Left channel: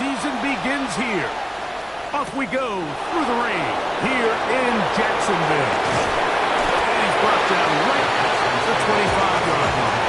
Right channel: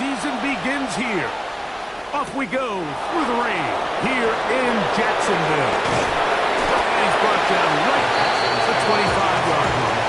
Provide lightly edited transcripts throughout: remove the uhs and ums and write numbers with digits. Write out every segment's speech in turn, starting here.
season begins here. Off we go through the rain here in Jacksonville. And he's brought down right at the 25-yard line.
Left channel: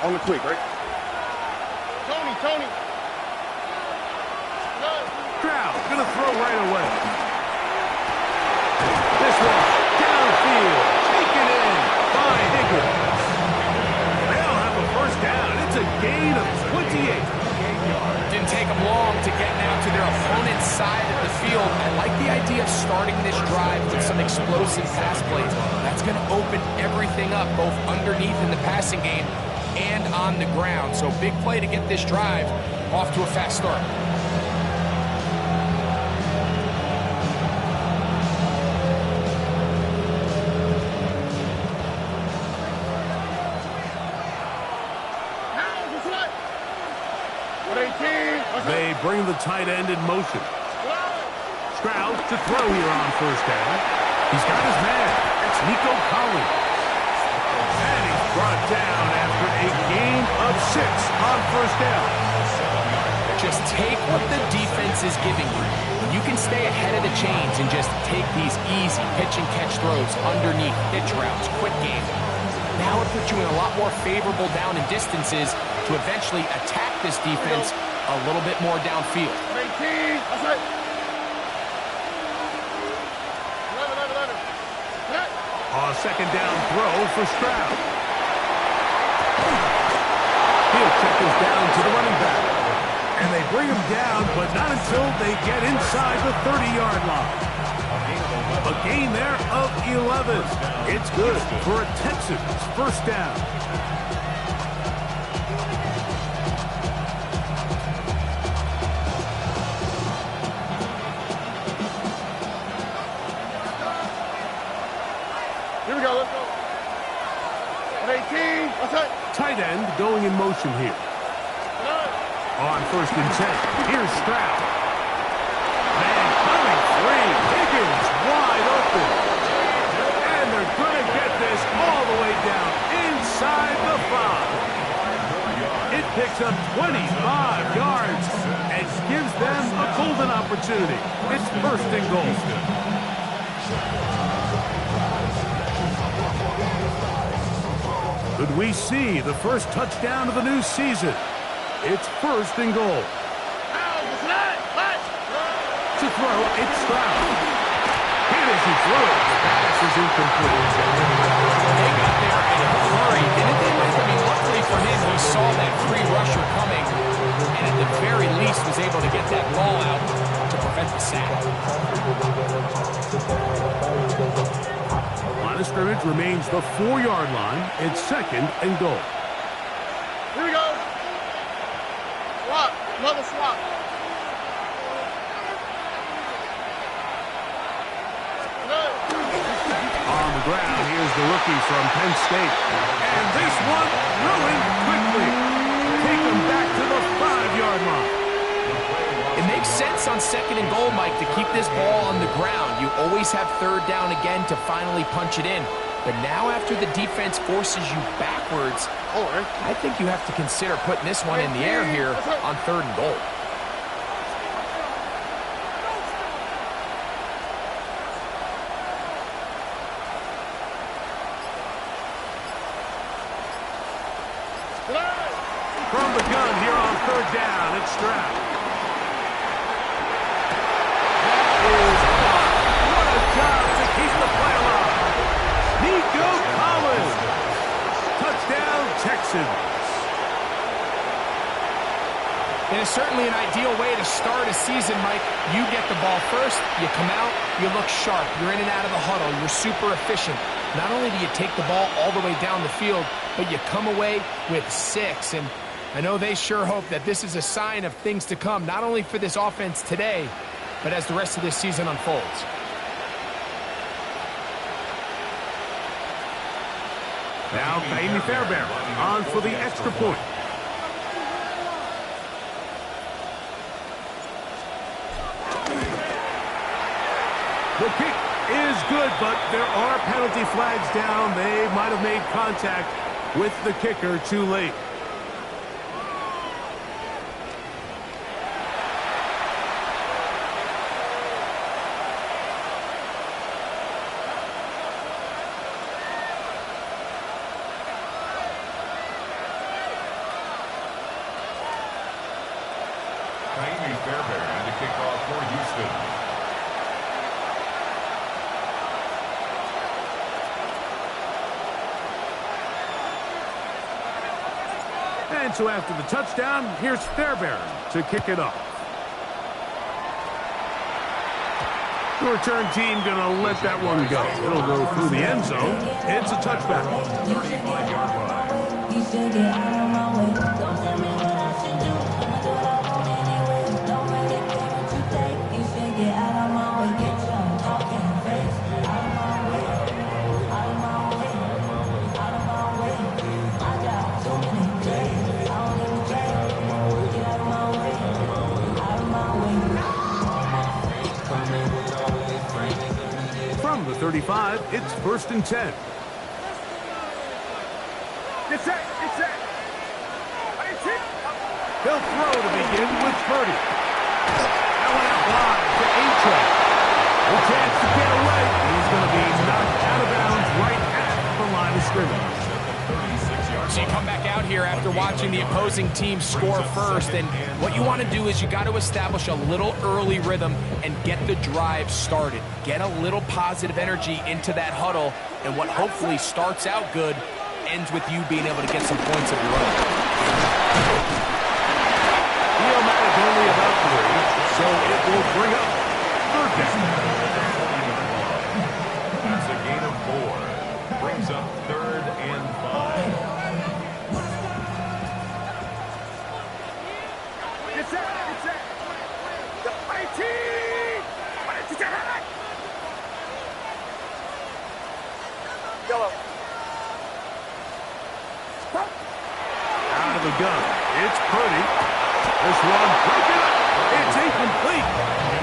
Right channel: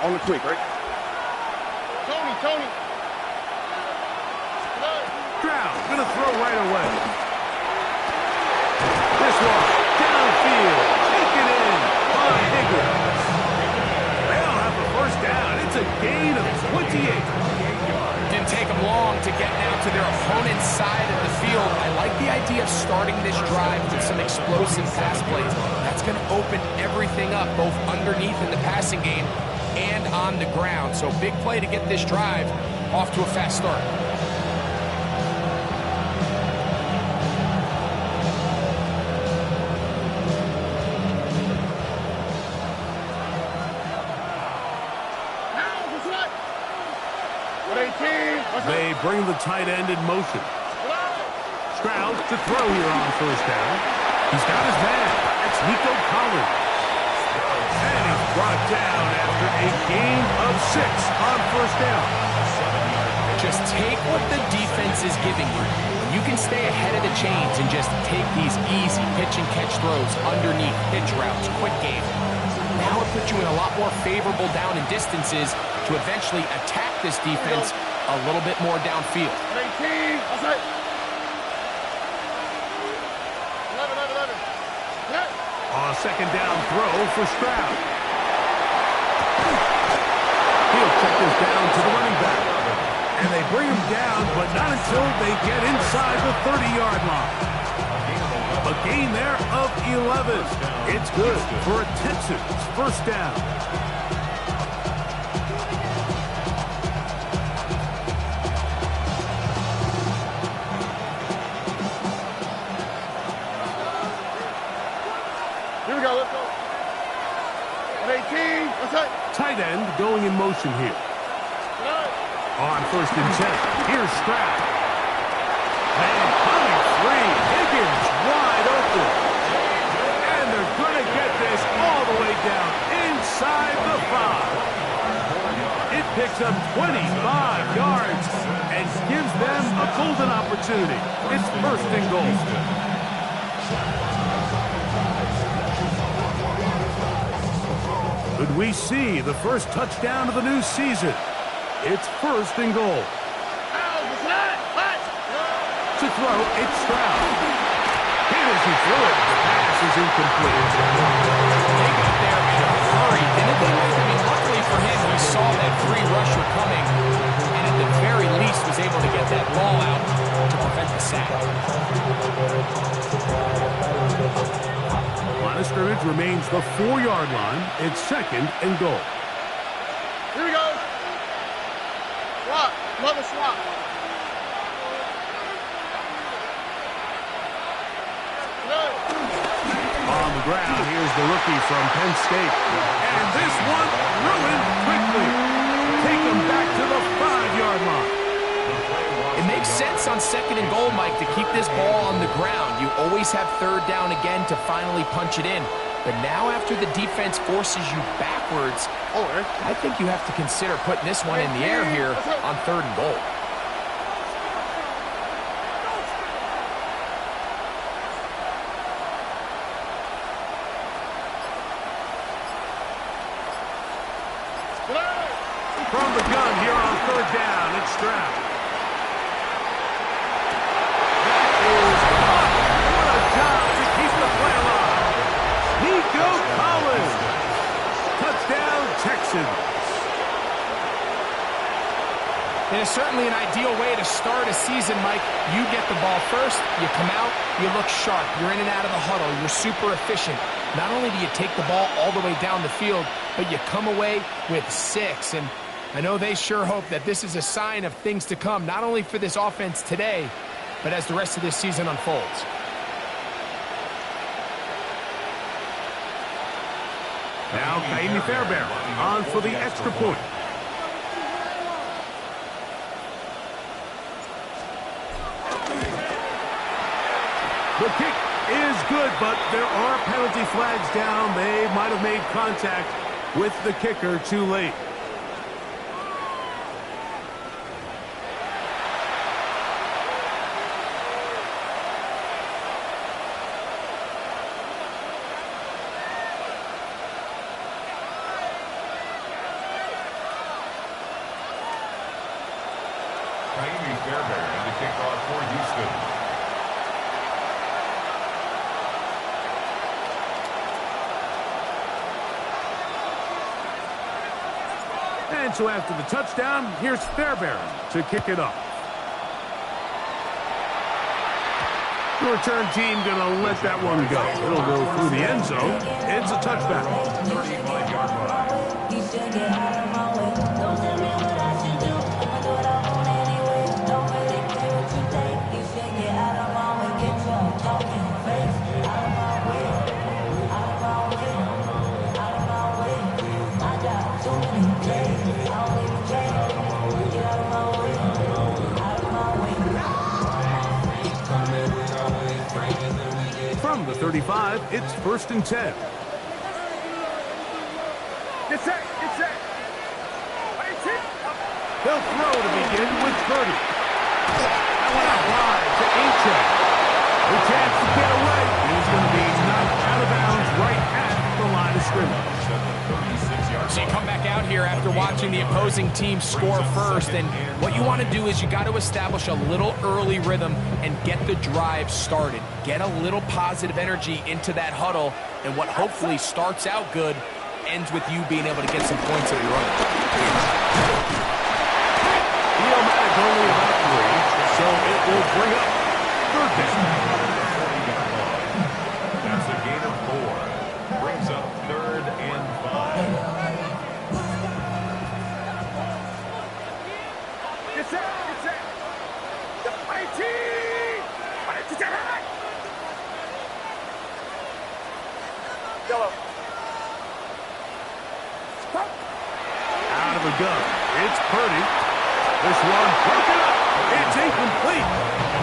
On the quick, right? Tony. Stroud gonna throw right away. This one downfield, taken in by Higgins. They'll have a first down. It's a gain of 28. Didn't take them long to get now to their opponent's side of the field. I like the idea of starting this drive with some explosive pass plays. That's going to open everything up, both underneath in the passing game and on the ground. So big play to get this drive off to a fast start. They bring the tight end in motion. Stroud to throw here on first down. He's got his man. That's Nico Collins. And he's brought down after a gain of 6 on first down. Just take what the defense is giving you. When you can stay ahead of the chains and just take these easy pitch and catch throws underneath, pitch routes, quick game. Now it puts you in a lot more favorable down and distances to eventually attack this defense a little bit more downfield. 18, outside. 11. A second down throw for Stroud. He'll check this down to the running back. And they bring him down, but not until they get inside the 30-yard line. A gain there of 11. It's good for a Texans first down. Here we go, let's go. 18, outside. Tight end going in motion here. On first and 10, here's Stroud. Man coming free. Higgins wide open. And they're going to get this all the way down inside the 5. It picks up 25 yards and gives them a golden opportunity. It's first and goal. Could we see the first touchdown of the new season? It's first and goal. To throw, it's Stroud. And as he threw it, the pass is incomplete. They got there in a hurry, didn't they, Mike? I mean, luckily for him, he saw that free rusher coming, and at the very least was able to get that ball out to prevent the sack. Line of scrimmage remains the 4-yard line. It's second and goal. Here we go. Swap. Another swap. On the ground, here's the rookie from Penn State. And this one ruined quickly. Take him back to the 5-yard line. It makes sense on second and goal, Mike, to keep this ball on the ground. You always have third down again to finally punch it in. But now after the defense forces you backwards, I think you have to consider putting this one in the air here on third and goal. From the gun here on third down, it's Stroud. That is what a job to keep the play alive. Nico Collins. Touchdown, Texans. It is certainly an ideal way to start a season, Mike. You get the ball first, you come out, you look sharp, you're in and out of the huddle, you're super efficient. Not only do you take the ball all the way down the field, but you come away with 6. And I know they sure hope that this is a sign of things to come, not only for this offense today, but as the rest of this season unfolds. Now Kaimi Fairbairn on for the extra point. The kick is good, but there are penalty flags down. They might have made contact with the kicker too late. Kaimi Fairbairn to kick off for Houston. And so after the touchdown, here's Fairbairn to kick it off. The return team going to let that one go. It'll go through the end zone. It's a touchback. 35-yard line. You should get out of my way. Don't tell me what I should do. I'ma do what I want anyway. Don't really care what you think. You should get out of my way. Get your talking face out of my way. Out of my way. Out of my way. I got too many days. I don't even care. Get out of my way. Out of my way. From the 35, it's 1st and 10. Get set. Get set. They'll throw to begin with Purdy. That one out wide to Achan. No chance to get away. He's going to be knocked out of bounds right at the line of scrimmage. So you come back out here after watching the opposing team score first, and what you want to do is you got to establish a little early rhythm and get the drive started. Get a little positive energy into that huddle, and what hopefully starts out good ends with you being able to get some points of your own. Iomatic only about 3, so it will bring up 3rd down. That's a gain of 4. Brings up 3rd and 5. Get set. Get set. The fighting. Yellow. Out of the gun, it's Purdy. This one broken up. It's incomplete.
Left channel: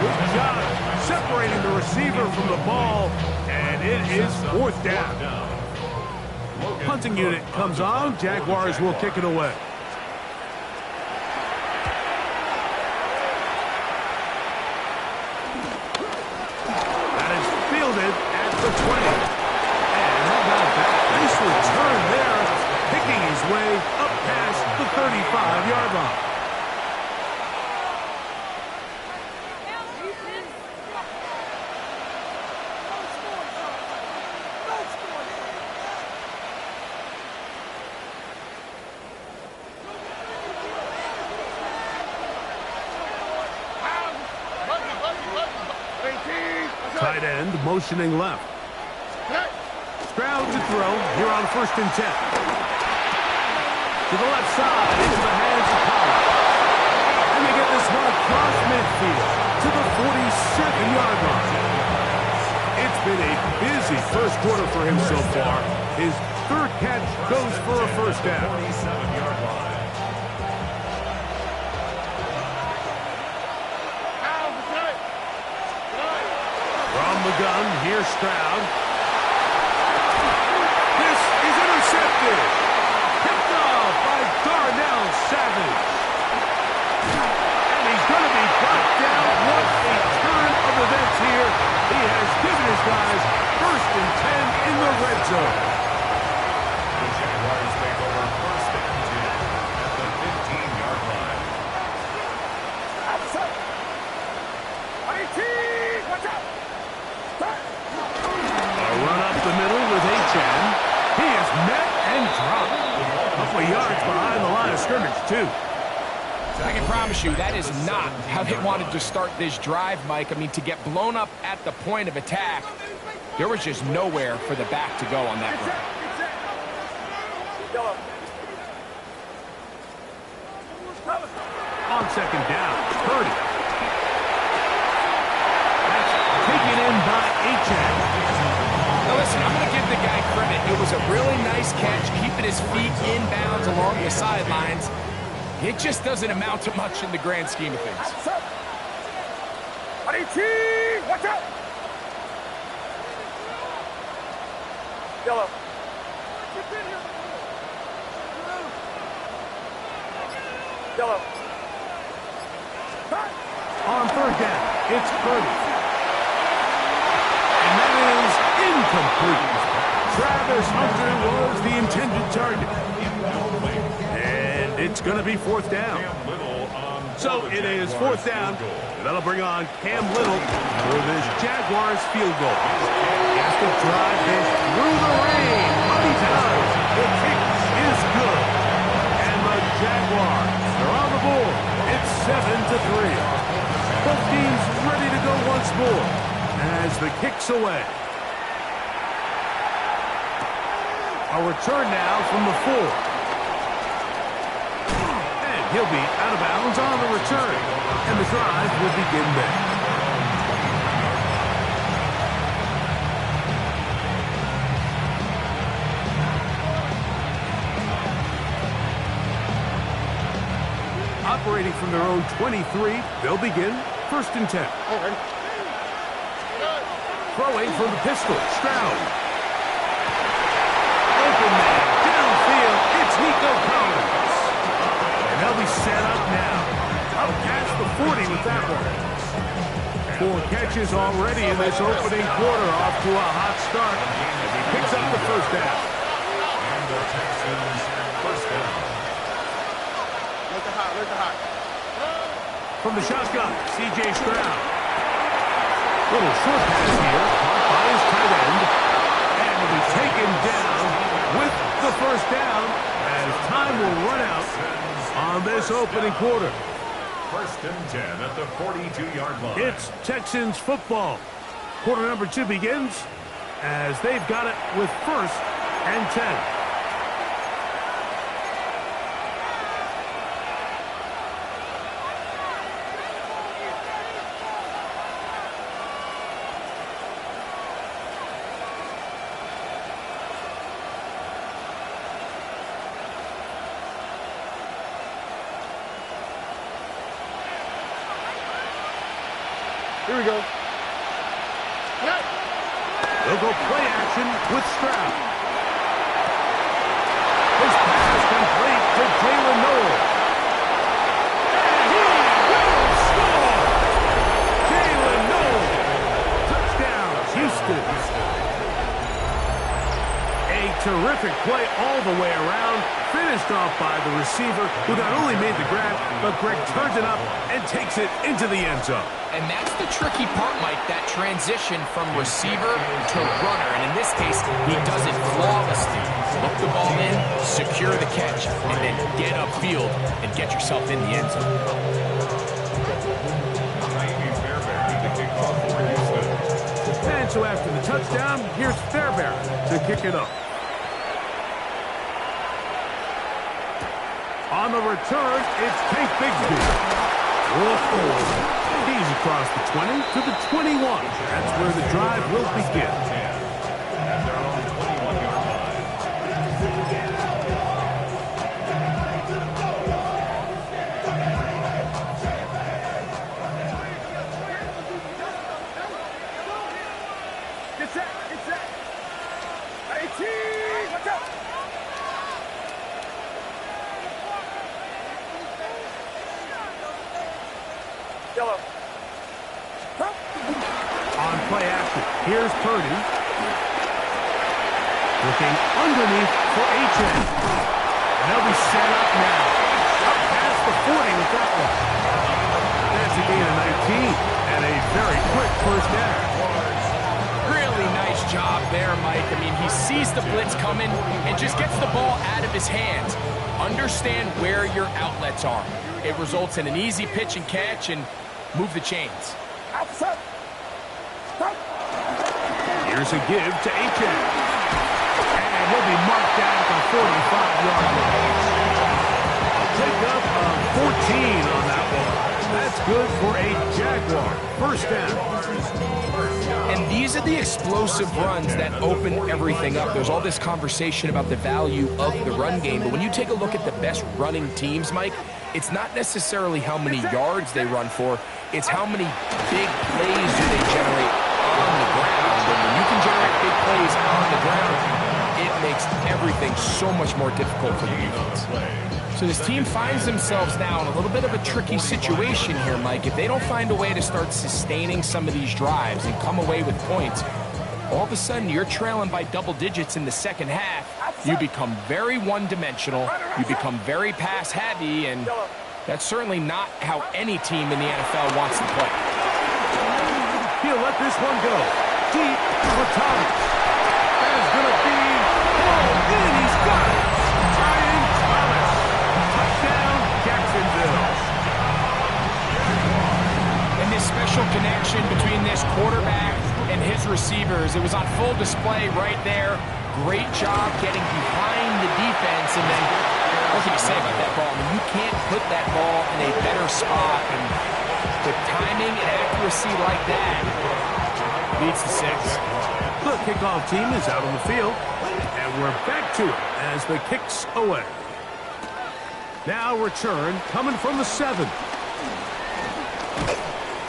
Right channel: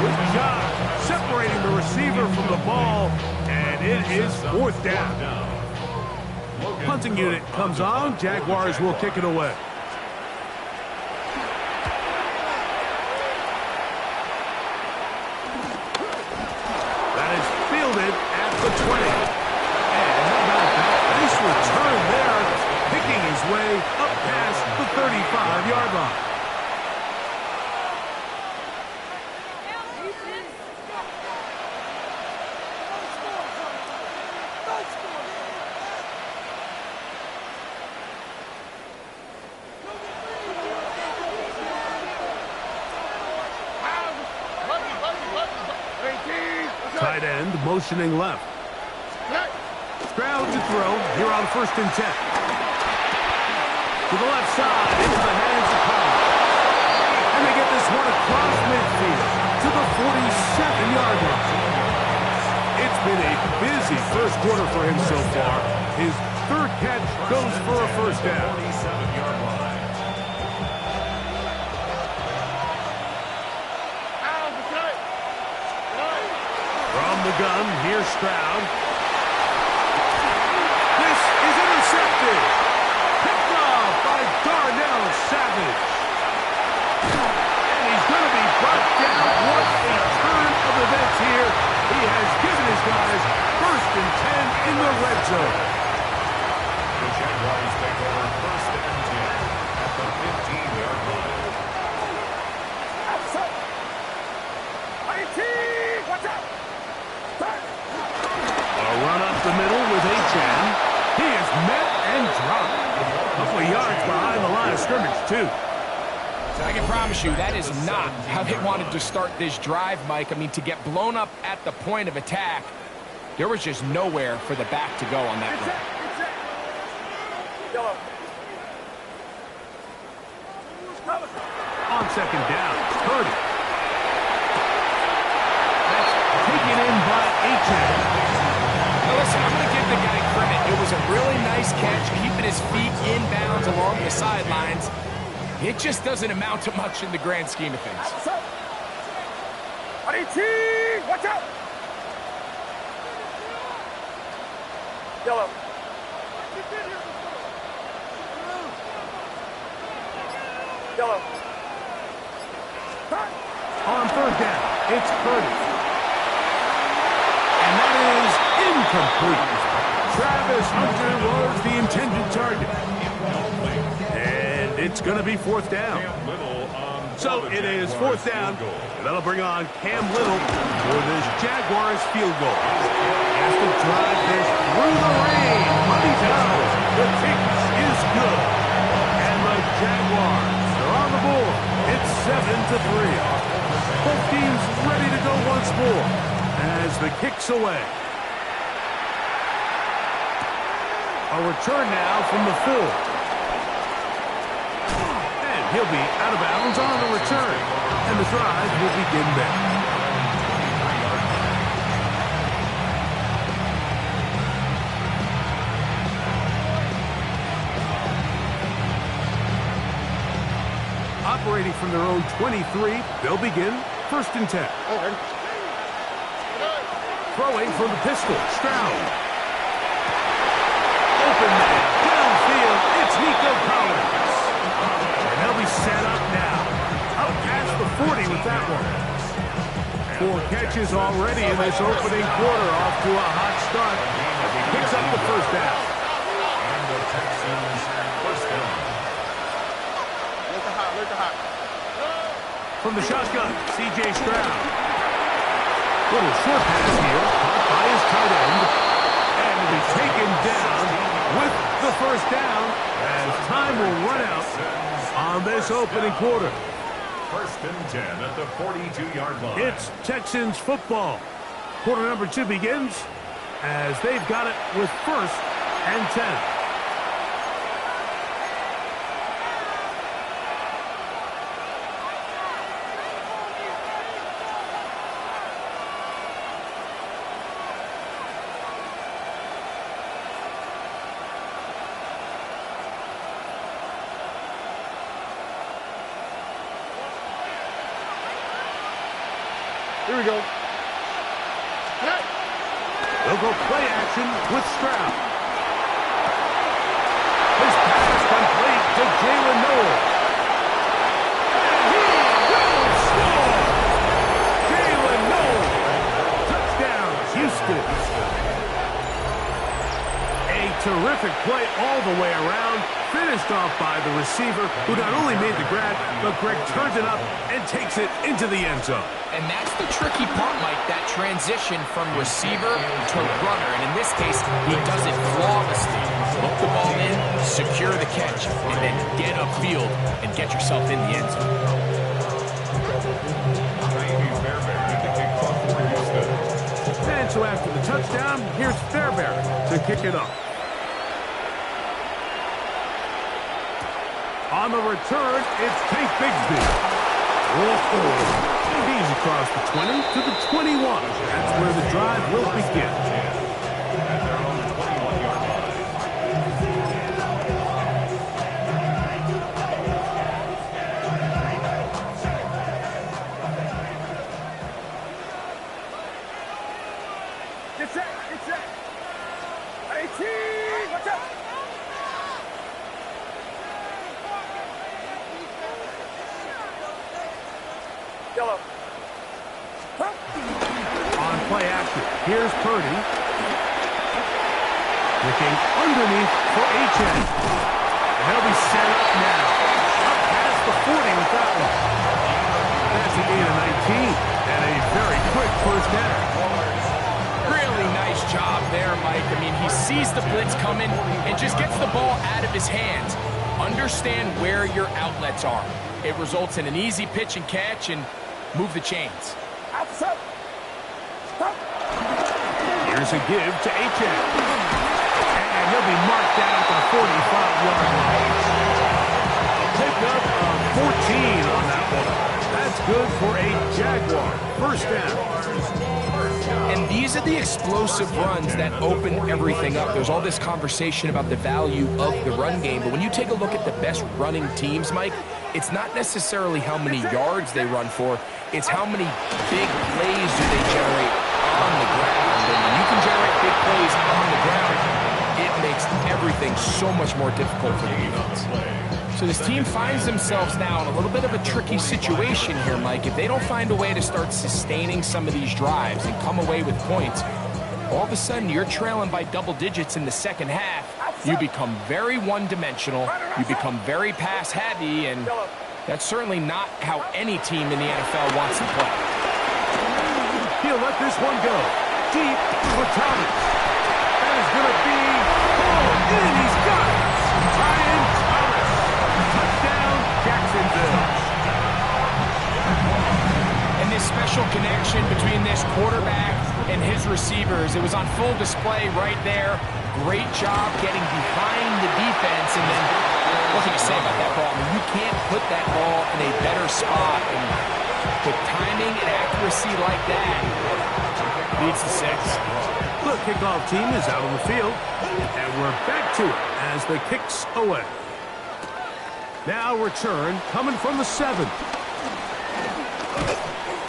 With John separating the receiver from the ball, and it is 4th down. Punting unit comes on. Jaguars will kick it away. That is fielded at the 20. And how about that? Nice return there, picking his way up past the 35-yard line. Tight end motioning left. Stroud to throw here on 1st and 10. To the left side into the hands of Pollard. And they get this one across midfield to the 47-yard line. It's been a busy first quarter for him so far. His 3rd catch goes for a 1st down. 47-yard line. From the gun, here's Stroud. This is intercepted. Picked off by Darnell Savage. And he's going to be brought down. What a turn of events here. He has given his guys 1st and 10 in the red zone. The Jaguars take over 1st and 10 at the 15-yard line. Outside. Watch out. A run up the middle with Achan. He is met and dropped. A couple of yards behind the line of scrimmage, too. I can promise you that is not how they wanted to start this drive, Mike. I mean, to get blown up at the point of attack, there was just nowhere for the back to go on that run. On 2nd down, Purdy. That's taken in by Achan. Now listen, I'm going to give the guy credit. It was a really nice catch, keeping his feet in bounds along the sidelines. It just doesn't amount to much in the grand scheme of things. Watch out! Yellow. Yellow. On third down, it's Purdy. And that is incomplete. Travis Hunter was the intended target. And it's going to be fourth down. So it is fourth down. And that'll bring on Cam Little for this Jaguars field goal. He has to drive this through the rain. But he does. The kick is good. And the Jaguars are on the board. It's 7-3. Both teams ready to go once more as the kick's away. A return now from the 4. And he'll be out of bounds on the return. And the drive will begin there. Operating from their own 23, they'll begin first and 10. Throwing from the pistol, Stroud. Open man, downfield, it's Nico Collins. And they'll be set up now. Out past the 40 with that one. 4 catches already in this opening quarter, off to a hot start as he picks up the first down. And the Texans first down. Look at hot. From the shotgun, C.J. Stroud. Little short pass here, caught by his tight end. And will be taken down with the first down as time will run out on this opening quarter. First and 10 at the 42-yard line. It's Texans football. Quarter number 2 begins as they've got it with first and 10. Here we go. They'll go play action with Stroud. His pass complete to Jalen Noel. And he will score! Jalen Noel. Touchdown, Houston. A terrific play all the way around. Finished off by the receiver, who not only made the grab, but Greg turns it up and takes it into the end zone. And that's the tricky part, Mike, that transition from receiver to runner. And in this case, he does it flawlessly. Look the ball in, secure the catch, and then get upfield and get yourself in the end zone. And so after the touchdown, here's Fairbairn to kick it up. On the return, it's Tank Bigsby. Whoa. He's across the 20 to the 21. That's where the drive will begin. At their own 21-yard line. Get set. 18, watch out. Yellow. On play action, here's Purdy. Looking underneath for H.N. And they'll be set up now. Up past the 40 with that one. That's a gain of 19. And a very quick first down. Really nice job there, Mike. I mean, he sees the blitz coming and just gets the ball out of his hands. Understand where your outlets are. It results in an easy pitch and catch and move the chains. Outside. Stop. Here's a give to H.N. And he'll be marked down at the 45-yard line. A pickup of 14 on that one. That's good for a Jaguar. First down. And these are the explosive runs that open everything up. There's all this conversation about the value of the run game, but when you take a look at the best running teams, Mike, it's not necessarily how many yards they run for, it's how many big plays do they generate on the ground. And when you can generate big plays on the ground, it makes everything so much more difficult for the defense. So this team finds themselves now in a little bit of a tricky situation here, Mike. If they don't find a way to start sustaining some of these drives and come away with points, all of a sudden you're trailing by double digits in the second half. You become very one-dimensional, you become very pass-heavy, and that's certainly not how any team in the NFL wants to play. He'll let this one go. Deep for Thomas. That is going to be pulled in. He's got it. Brian Thomas. Touchdown, Jacksonville. And this special connection between this quarterback and his receivers, it was on full display right there. Great job getting behind the defense. And then, what can you say about that ball? I mean, you can't put that ball in a better spot. And with timing and accuracy like that, leads to 6. The kickoff team is out on the field, and we're back to it as the kick's away. Now return coming from the 7.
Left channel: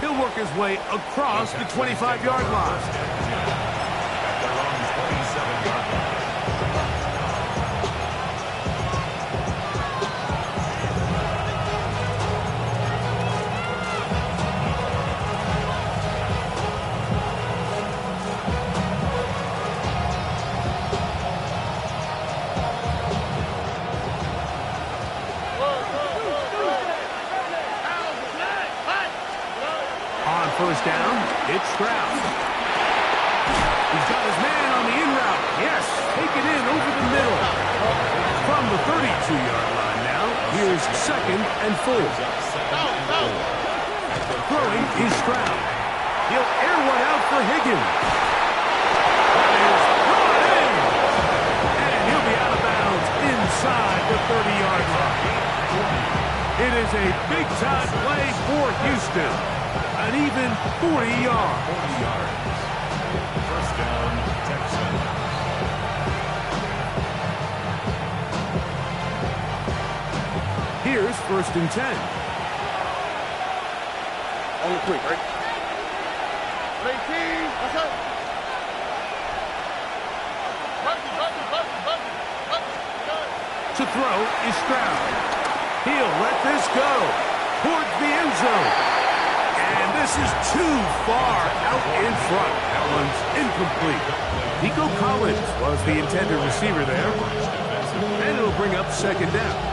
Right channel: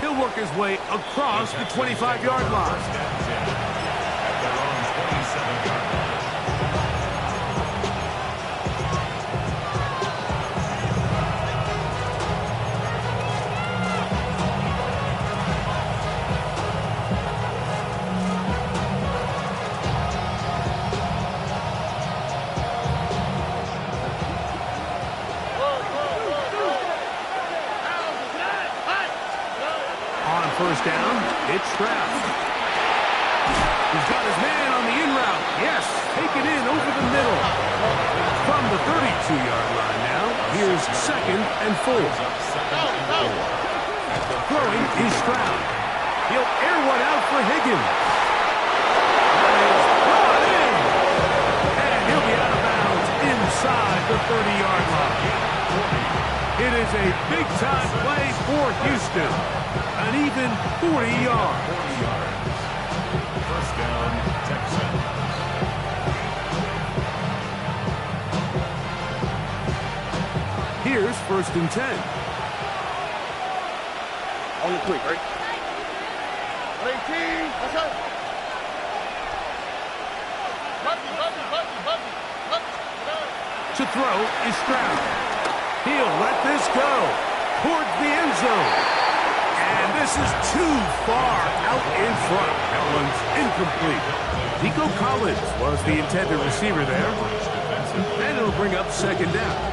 He'll work his way across the 25-yard line. At their own 27-yard line. First down, it's Stroud. He's got his man on the in route. Yes, take it in over the middle. From the 32-yard line now, here's 2nd and 4. Throwing is Stroud. He'll air one out for Higgins. That is brought in. And he'll be out of bounds inside the 30-yard line. It is a big-time play for Houston. An even 40 yards. 40 yards. First down, Texans. Here's 1st and 10. On the quick, right? 18. What's up? To throw is Stroud. He'll let this go towards the end zone. And this is too far out in front. That one's incomplete. Nico Collins was the intended receiver there. And it'll bring up 2nd down.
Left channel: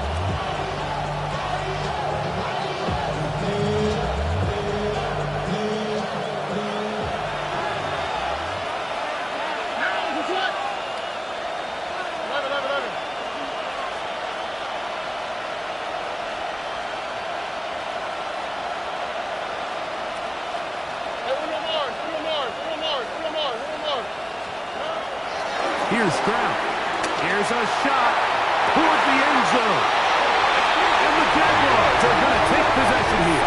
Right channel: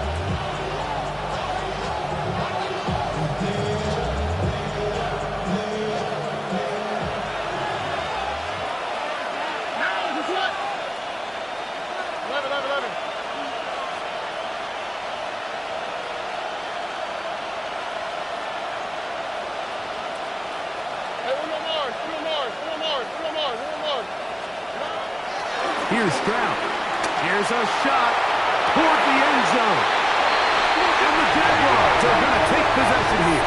Here's Stroud. Here's a shot toward the end zone. And the Jaguars are going to take possession here.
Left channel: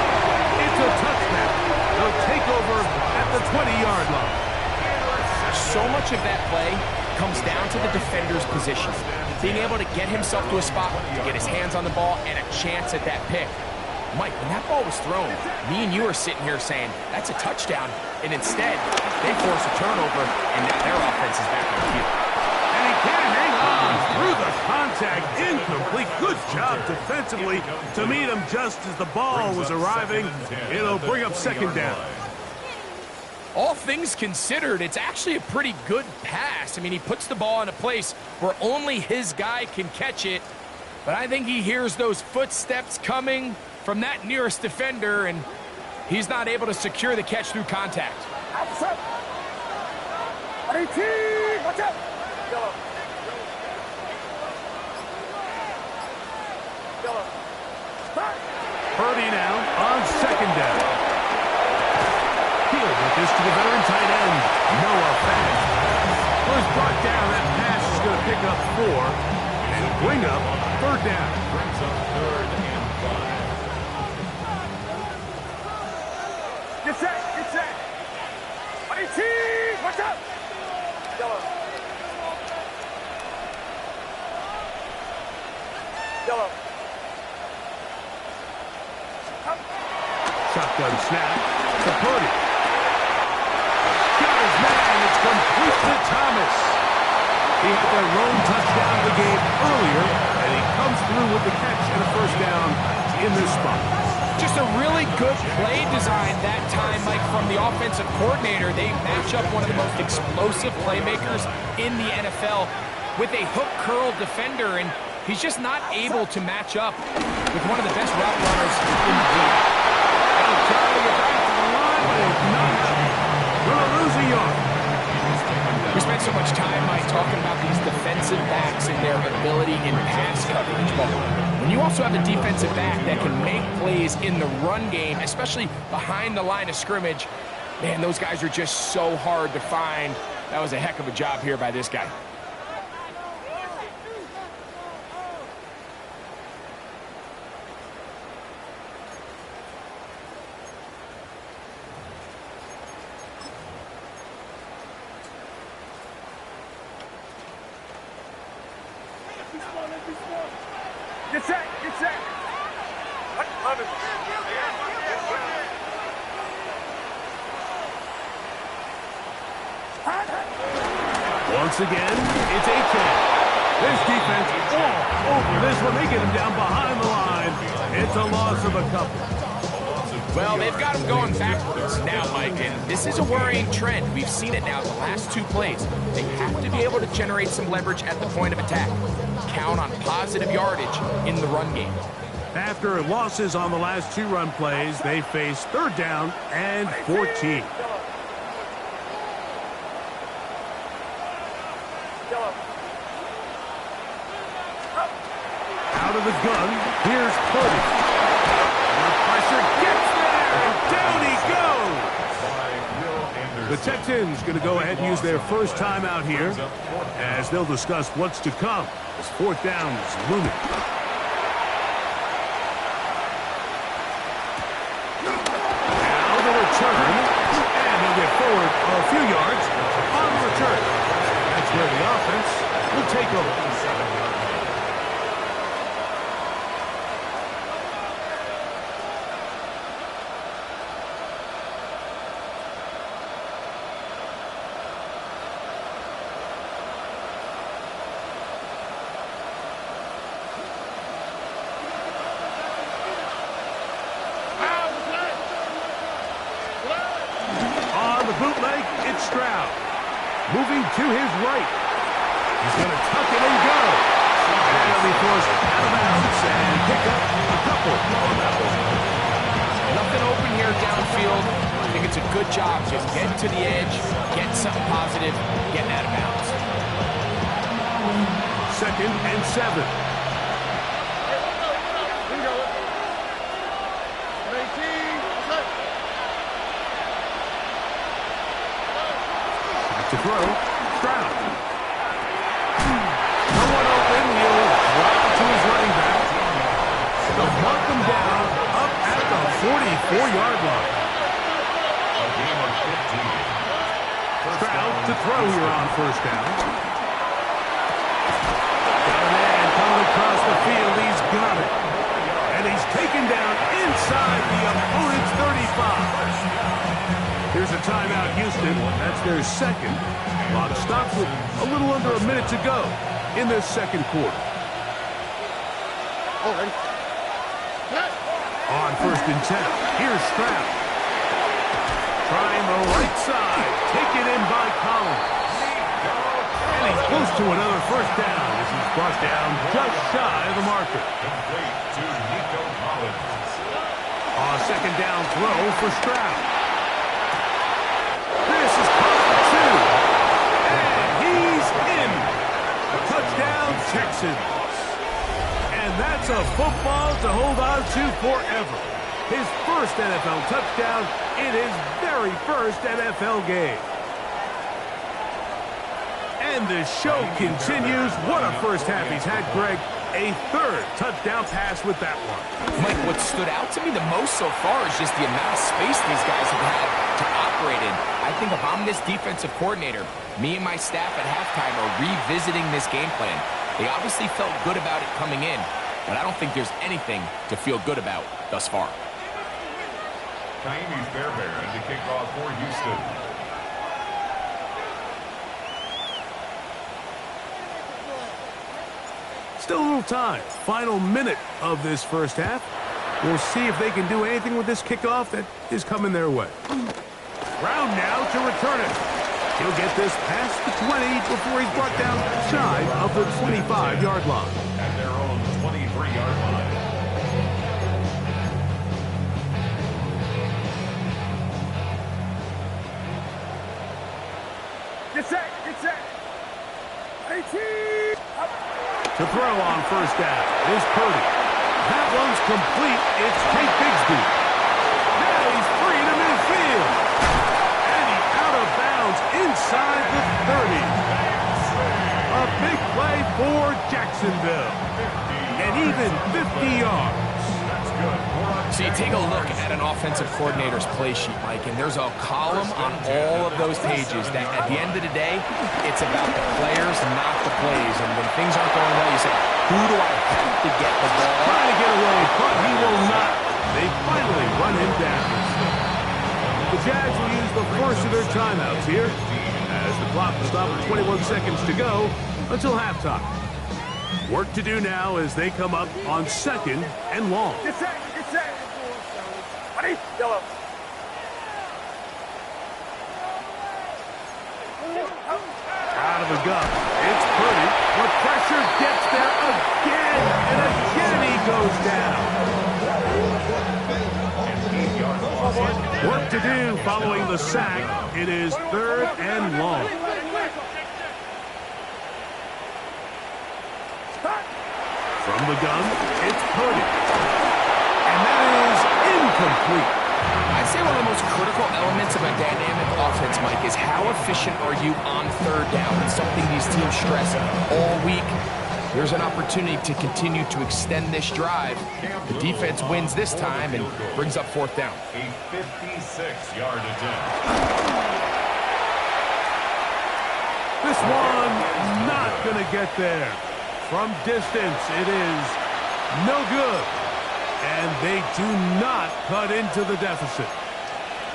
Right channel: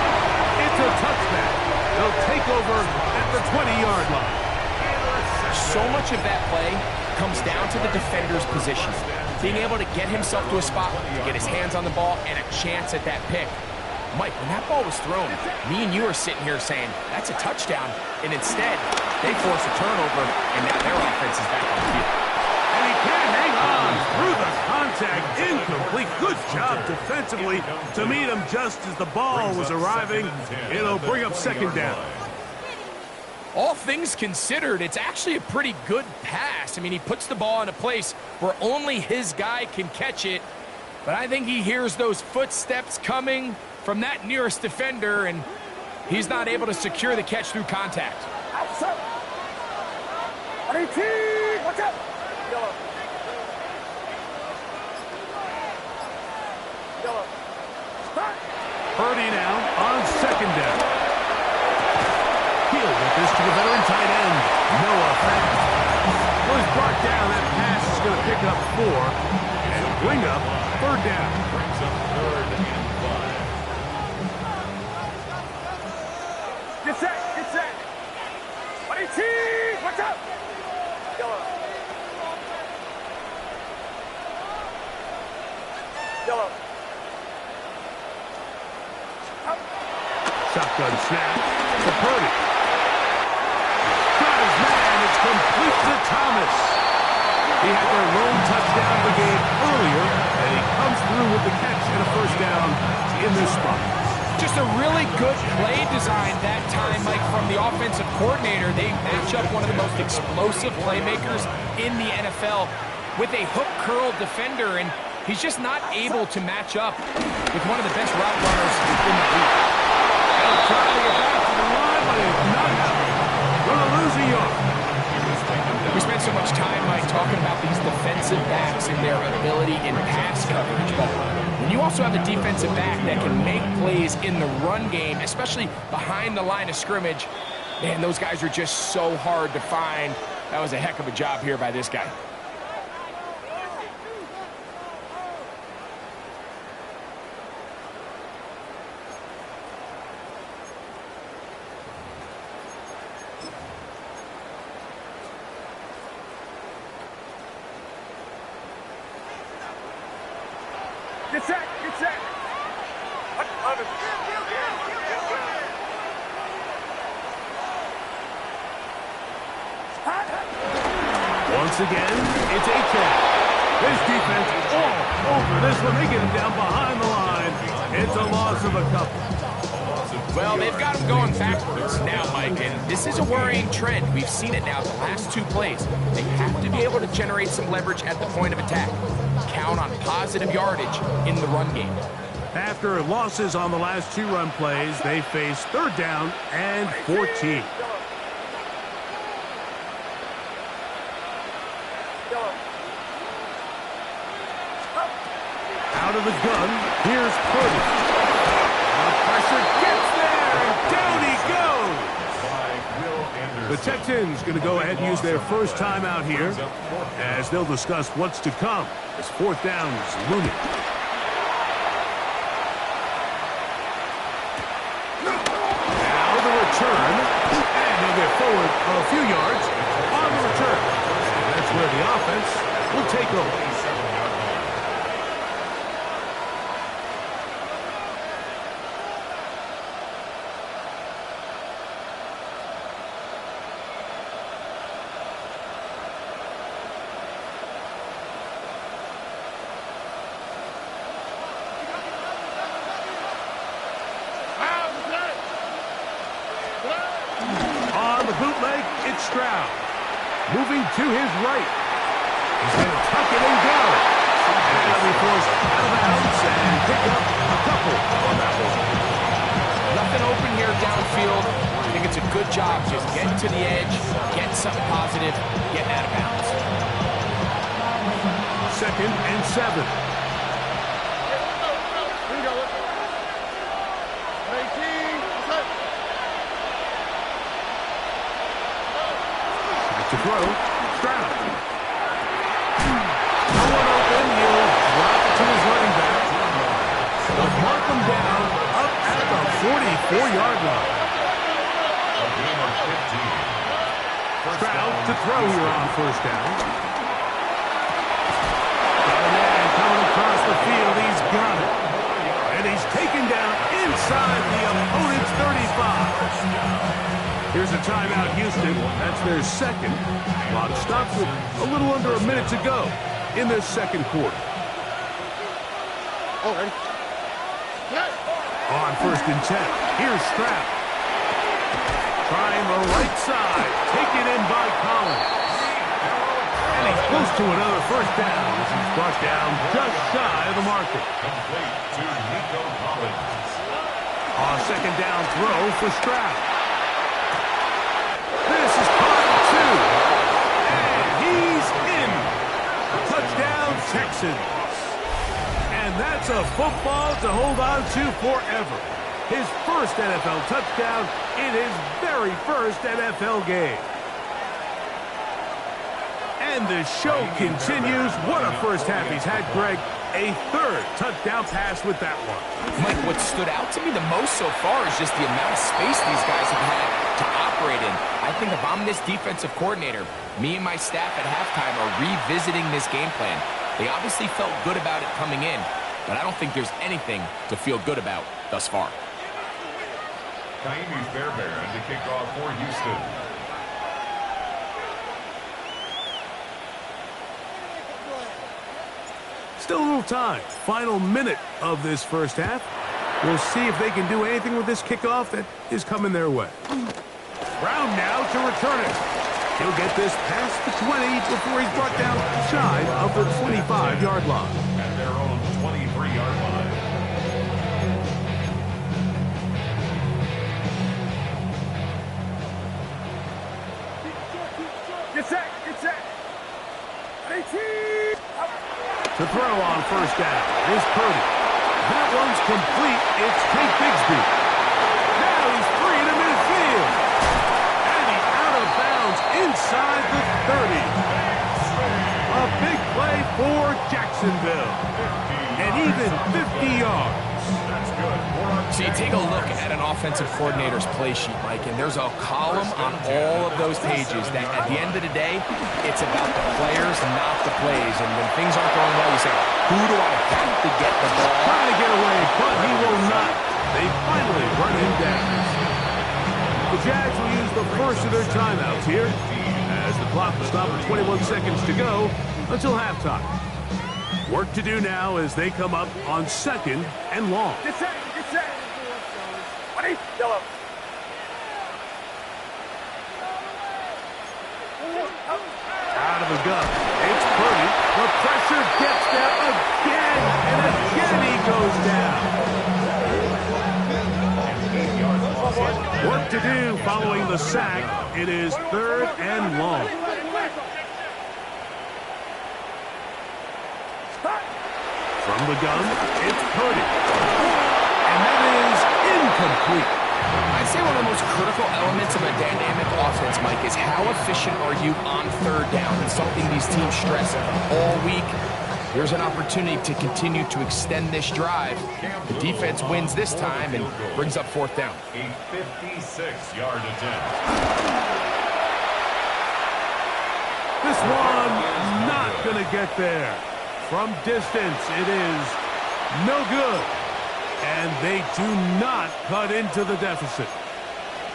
It's a touchback. They'll take over at the 20-yard line. So much of that play comes down to the defender's position. Being able to get himself to a spot, to get his hands on the ball, and a chance at that pick. Mike, when that ball was thrown, me and you are sitting here saying, that's a touchdown. And instead, they force a turnover, and now their offense is back on the field. And he can't hang on through the contact. Incomplete. Good job defensively to meet him just as the ball was arriving. It'll bring up 2nd down. All things considered, it's actually a pretty good pass. I mean, he puts the ball in a place where only his guy can catch it. But I think he hears those footsteps coming from that nearest defender, and he's not able to secure the catch through contact. What's up? 18. What's up? Yellow. Spot. Purdy now on 2nd down. He'll get this to the veteran tight end, Noah Fant. Well, he's brought down. That pass is going to pick up 4 and bring up 3rd down. Brings up 3rd and 5. Get set. Get set. 18. 19. Watch out. Yellow. Yellow. Shotgun snap to Purdy. Got his man. It's complete to Thomas. He had their lone touchdown of the game earlier, and he comes through with the catch and a first down in this spot. Just a really good play design that time, Mike, from the offensive coordinator. They match up one of the most explosive playmakers in the NFL with a hook curl defender, and he's just not able to match up with one of the best route runners in the league. Trying to get back to the line, but it's not happening. Going to lose a yard. We spent so much time, Mike, talking about these defensive backs and their ability in pass coverage. But when you also have a defensive back that can make plays in the run game, especially behind the line of scrimmage, man, those guys are just so hard to find. That was a heck of a job here by this guy. Get set. Get set. Once again, it's A-10. This defense all over this one. They get him down behind the line. It's a loss of a couple. Well, they've got him going backwards now, Mike, and this is a worrying trend. We've seen it now the last two plays. They have to be able to generate some leverage at the point of attack. Count on positive yardage in the run game. After losses on the last two run plays, they face third down and 14. Out of the gun, here's Purdy. The pressure gets there, and down he goes. The Texans going to go ahead and use their first timeout here as they'll discuss what's to come as fourth down is looming. Now the return, and he'll get forward a few yards on the return. And that's where the offense will take over. Bootleg, it's Stroud. Moving to his right. He's going to tuck it and go. And he'll be forced out of bounds and pick up a couple on that one. Nothing open here downfield. I think it's a good job just getting to the edge, getting something positive, getting out of bounds. 2nd and 7. To throw, Stroud. No one open, he'll drop it to his running back. They'll mark him down up at the 44-yard line. Stroud to throw here on first down. Got a man coming across the field, he's got it. And he's taken down inside the opponent's 35. Here's a timeout, Houston. That's their second. Clock stops with a little under a minute to go in this second quarter. Already. On 1st and 10, here's Stroud. Trying the right side. Taken in by Collins. And he's close to another first down as he's brought down just shy of the marker. Complete to Nico Collins. On 2nd down throw for Stroud. This is caught 2. And he's in. Touchdown, Texans. And that's a football to hold on to forever. His first NFL touchdown in his very first NFL game. And the show continues. What a first half he's had, Greg. A third touchdown pass with that one. Mike, what stood out to me the most so far is just the amount of space these guys have had to operate in. I think if I'm this defensive coordinator, me and my staff at halftime are revisiting this game plan. They obviously felt good about it coming in, but I don't think there's anything to feel good about thus far. Kaimi Fairbairn to kick off for Houston. Still a little time. Final minute of this first half. We'll see if they can do anything with this kickoff that is coming their way. Brown now to return it. He'll get this past the 20 before he's brought down shy of the 25-yard line. At their own 23-yard line. Get set, get set. 18. To throw on first down is Purdy. That one's complete. It's Tate Bigsby. Now he's free to midfield. And he's out of bounds inside the 30. A big play for Jacksonville. And even 50 yards. That's good. So you take a look at an offensive coordinator's play sheet, Mike, and there's a column on all of those pages that at the end of the day, it's about the players, not the plays. And when things aren't going well, you say, who do I have to get the ball? Trying to get away, but he will not. They finally run him down. The Jags will use the first of their timeouts here as the clock will stop with 21 seconds to go until halftime. Work to do now as they come up on second and long. Get set, get set. 20, yellow. Out of the gun. It's Purdy. The pressure gets there again, and again he goes down. Work to do following the sack. It is third and long. From the gun, it's Purdy. And that is incomplete. I'd say one of the most critical elements of a dynamic offense, Mike, is how efficient are you on third down? It's something these teams stress all week. Here's an opportunity to continue to extend this drive. The defense wins this time and brings up fourth down. A 56-yard attempt. This one not going to get there. From distance, it is no good. And they do not cut into the deficit.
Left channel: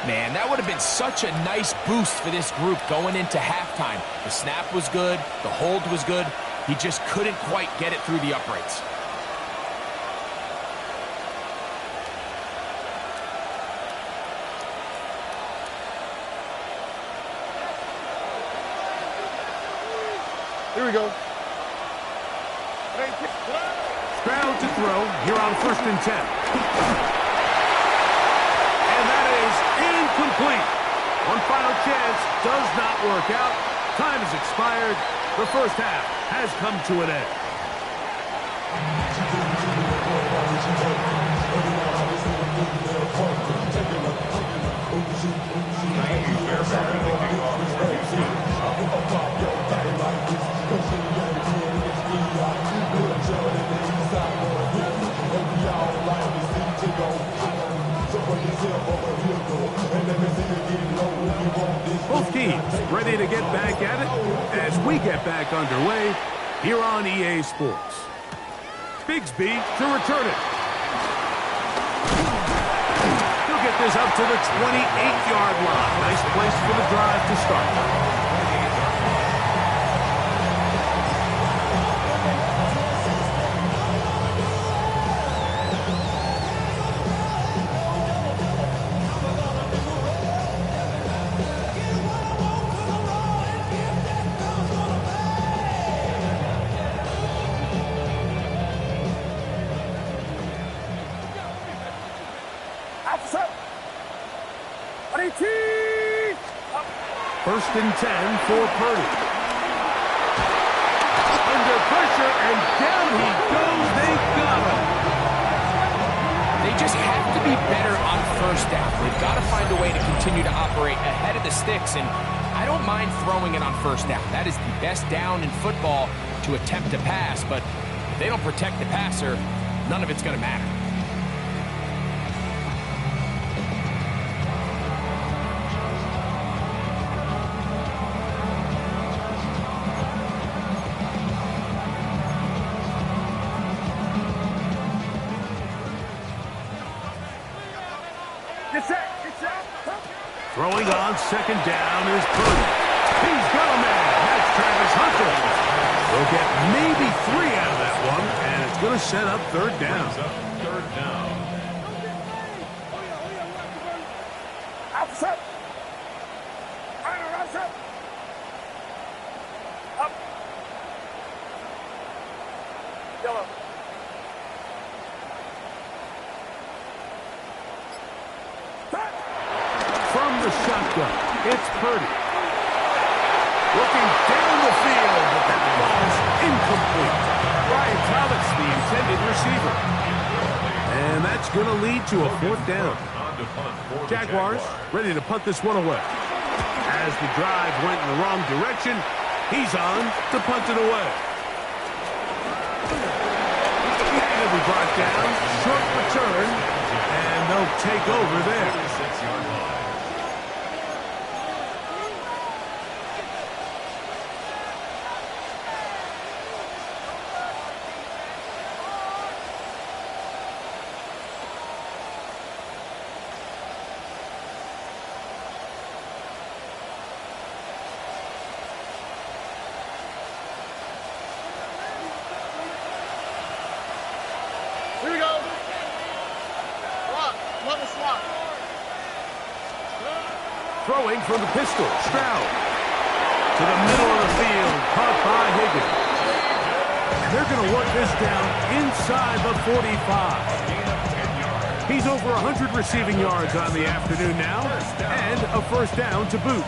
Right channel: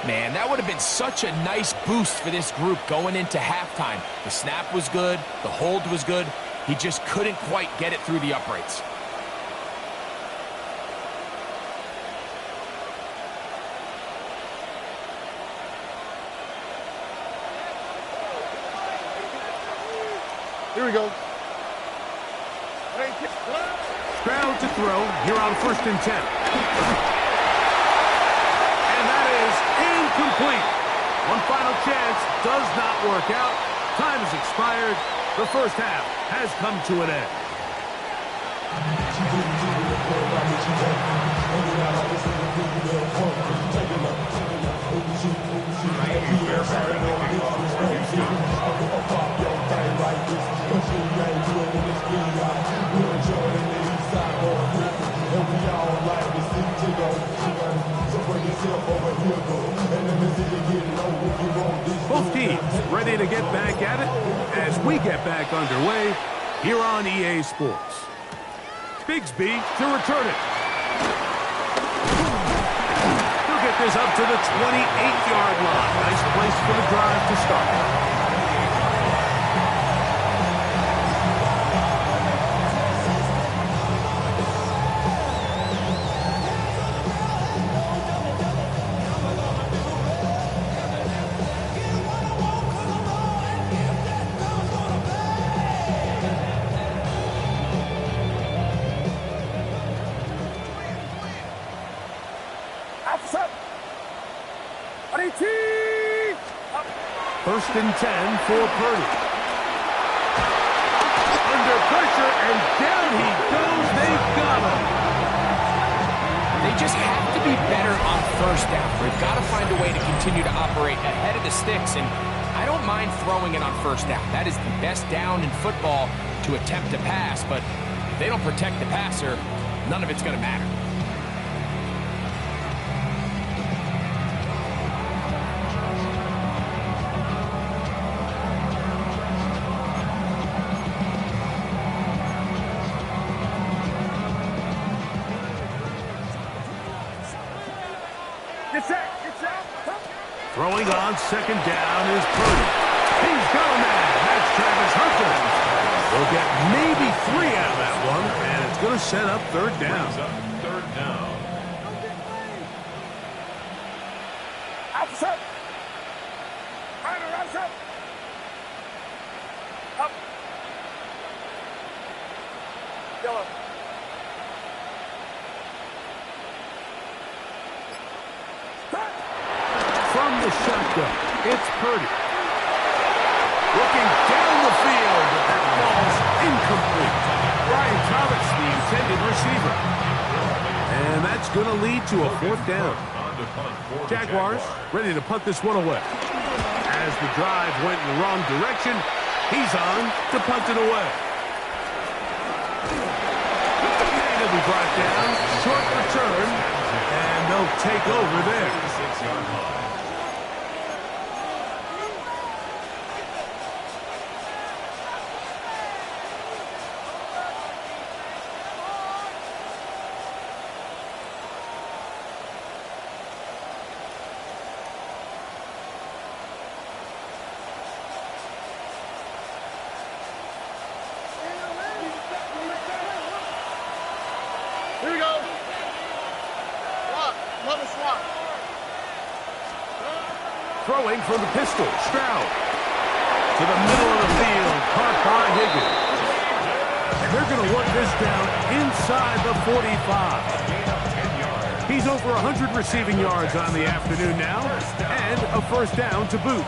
Man, that would have been such a nice boost for this group going into halftime. The snap was good. The hold was good. He just couldn't quite get it through the uprights. Here we go. Stroud to throw here on 1st and 10. And that is incomplete. One final chance does not work out. Time has expired. The first half has come to an end. Both teams ready to get back at it as we get back underway here on EA Sports. Bigsby to return it. He'll get this up to the 28-yard line. Nice place for the drive to start. First and 10 for Purdy. Under pressure, and down he goes. They got him. They just have to be better on first down. They've got to find a way to continue to operate ahead of the sticks, and I don't mind throwing it on first down. That is the best down in football to attempt to pass, but if they don't protect the passer, none of it's going to matter. Get set. Get set. Throwing on second down is Purdy. He's got a man. That's Travis Hunter. They'll get maybe 3 out of that one, and it's going to set up third down. Third down. Outside. Right, outside. Up. Yellow. From the shotgun, it's Purdy. Looking down the field, but that ball's incomplete. Brian Thomas, the intended receiver. And that's going to lead to a fourth down. Jaguars ready to punt this one away. As the drive went in the wrong direction, he's on to punt it away. He'll be brought down, short return, and they'll take over there. 6-yard line. Here we go. Swat. Another swat. Throwing from the pistol, Stroud. To the middle of the field, caught by Higgins. And they're going to work this down inside the 45. Gain of 10 yards. He's over 100 receiving yards on the afternoon now, and a first down to boot.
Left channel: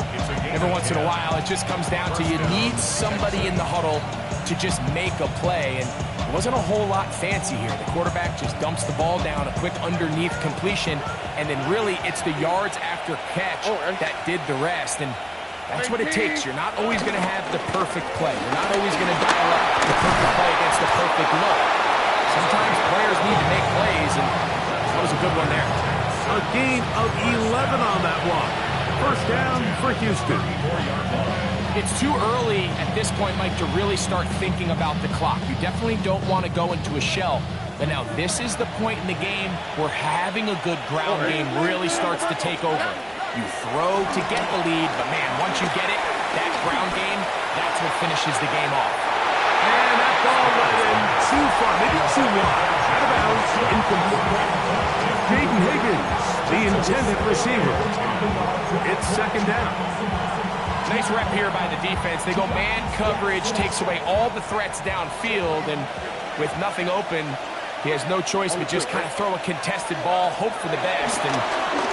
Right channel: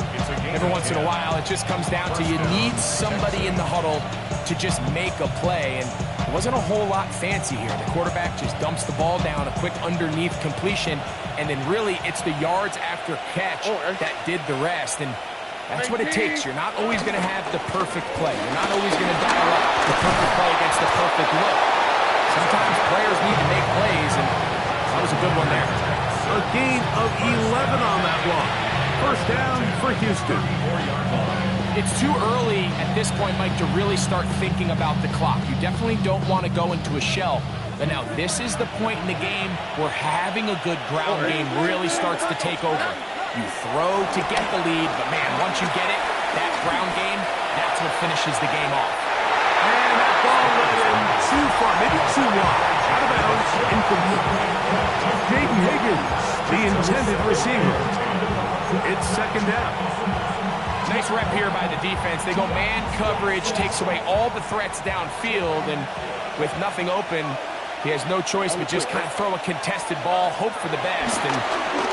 Every once in a while, it just comes down to you need somebody in the huddle to just make a play, and it wasn't a whole lot fancy here. The quarterback just dumps the ball down, a quick underneath completion, and then really it's the yards after catch that did the rest, and that's what it takes. You're not always going to have the perfect play. You're not always going to dial up the perfect play against the perfect look. Sometimes players need to make plays, and that was a good one there. A gain of 11 on that one. First down for Houston. 4-yard line. It's too early at this point, Mike, to really start thinking about the clock. You definitely don't want to go into a shell. But now this is the point in the game where having a good ground game really starts to take over. You throw to get the lead, but man, once you get it, that ground game, that's what finishes the game off. And that ball led him too far, maybe too wide. Out of bounds, incomplete. Jaden Higgins, the intended receiver. It's second down. Nice rep here by the defense. They go man coverage, takes away all the threats downfield, and with nothing open, he has no choice but just kind of throw a contested ball, hope for the best, and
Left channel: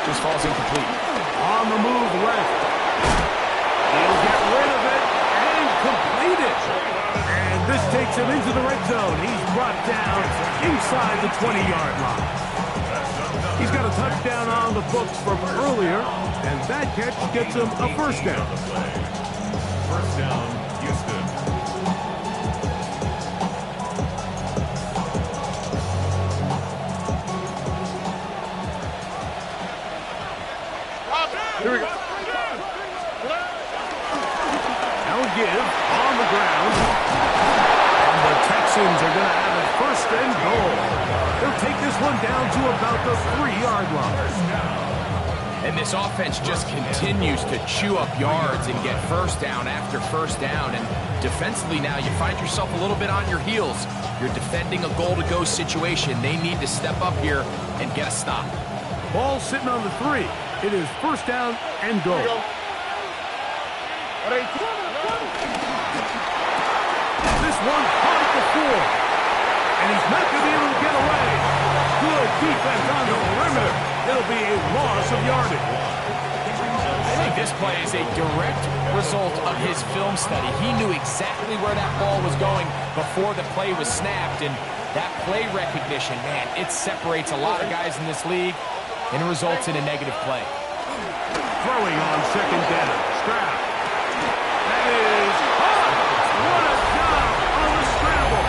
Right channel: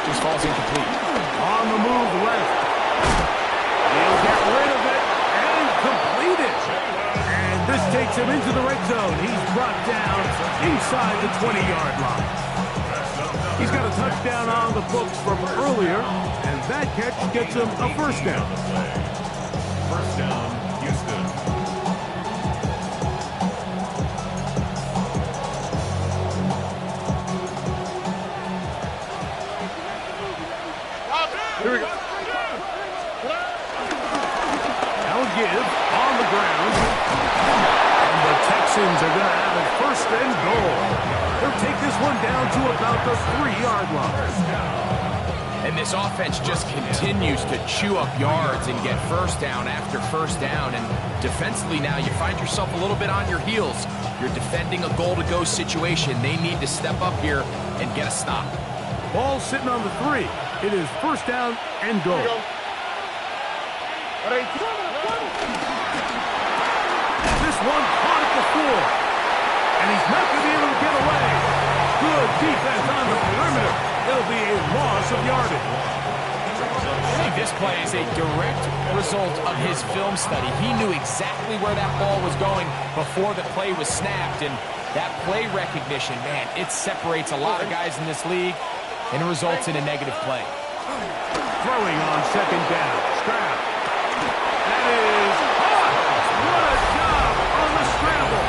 just falls incomplete. On the move left. He'll get rid of it and complete it. And this takes him into the red zone. He's brought down inside the 20-yard line. He's got a touchdown on the books from earlier, and that catch gets him a first down. First down, Houston. Here we go. Now a give on the ground. And the Texans are going to have it first and goal. They'll take this one down to about the 3-yard line. And this offense just continues to chew up yards and get first down after first down. And defensively now, you find yourself a little bit on your heels. You're defending a goal-to-go situation. They need to step up here and get a stop. Ball sitting on the 3. It is first down and goal. This one caught at the 4. And he's not going to be able to get away. Good defense on the perimeter. It'll be a loss of yardage. I think this play is a direct result of his film study. He knew exactly where that ball was going before the play was snapped. And that play recognition, man, it separates a lot of guys in this league, and it results in a negative play. Throwing on second down. Stroud. That is hot. What a job on the scramble.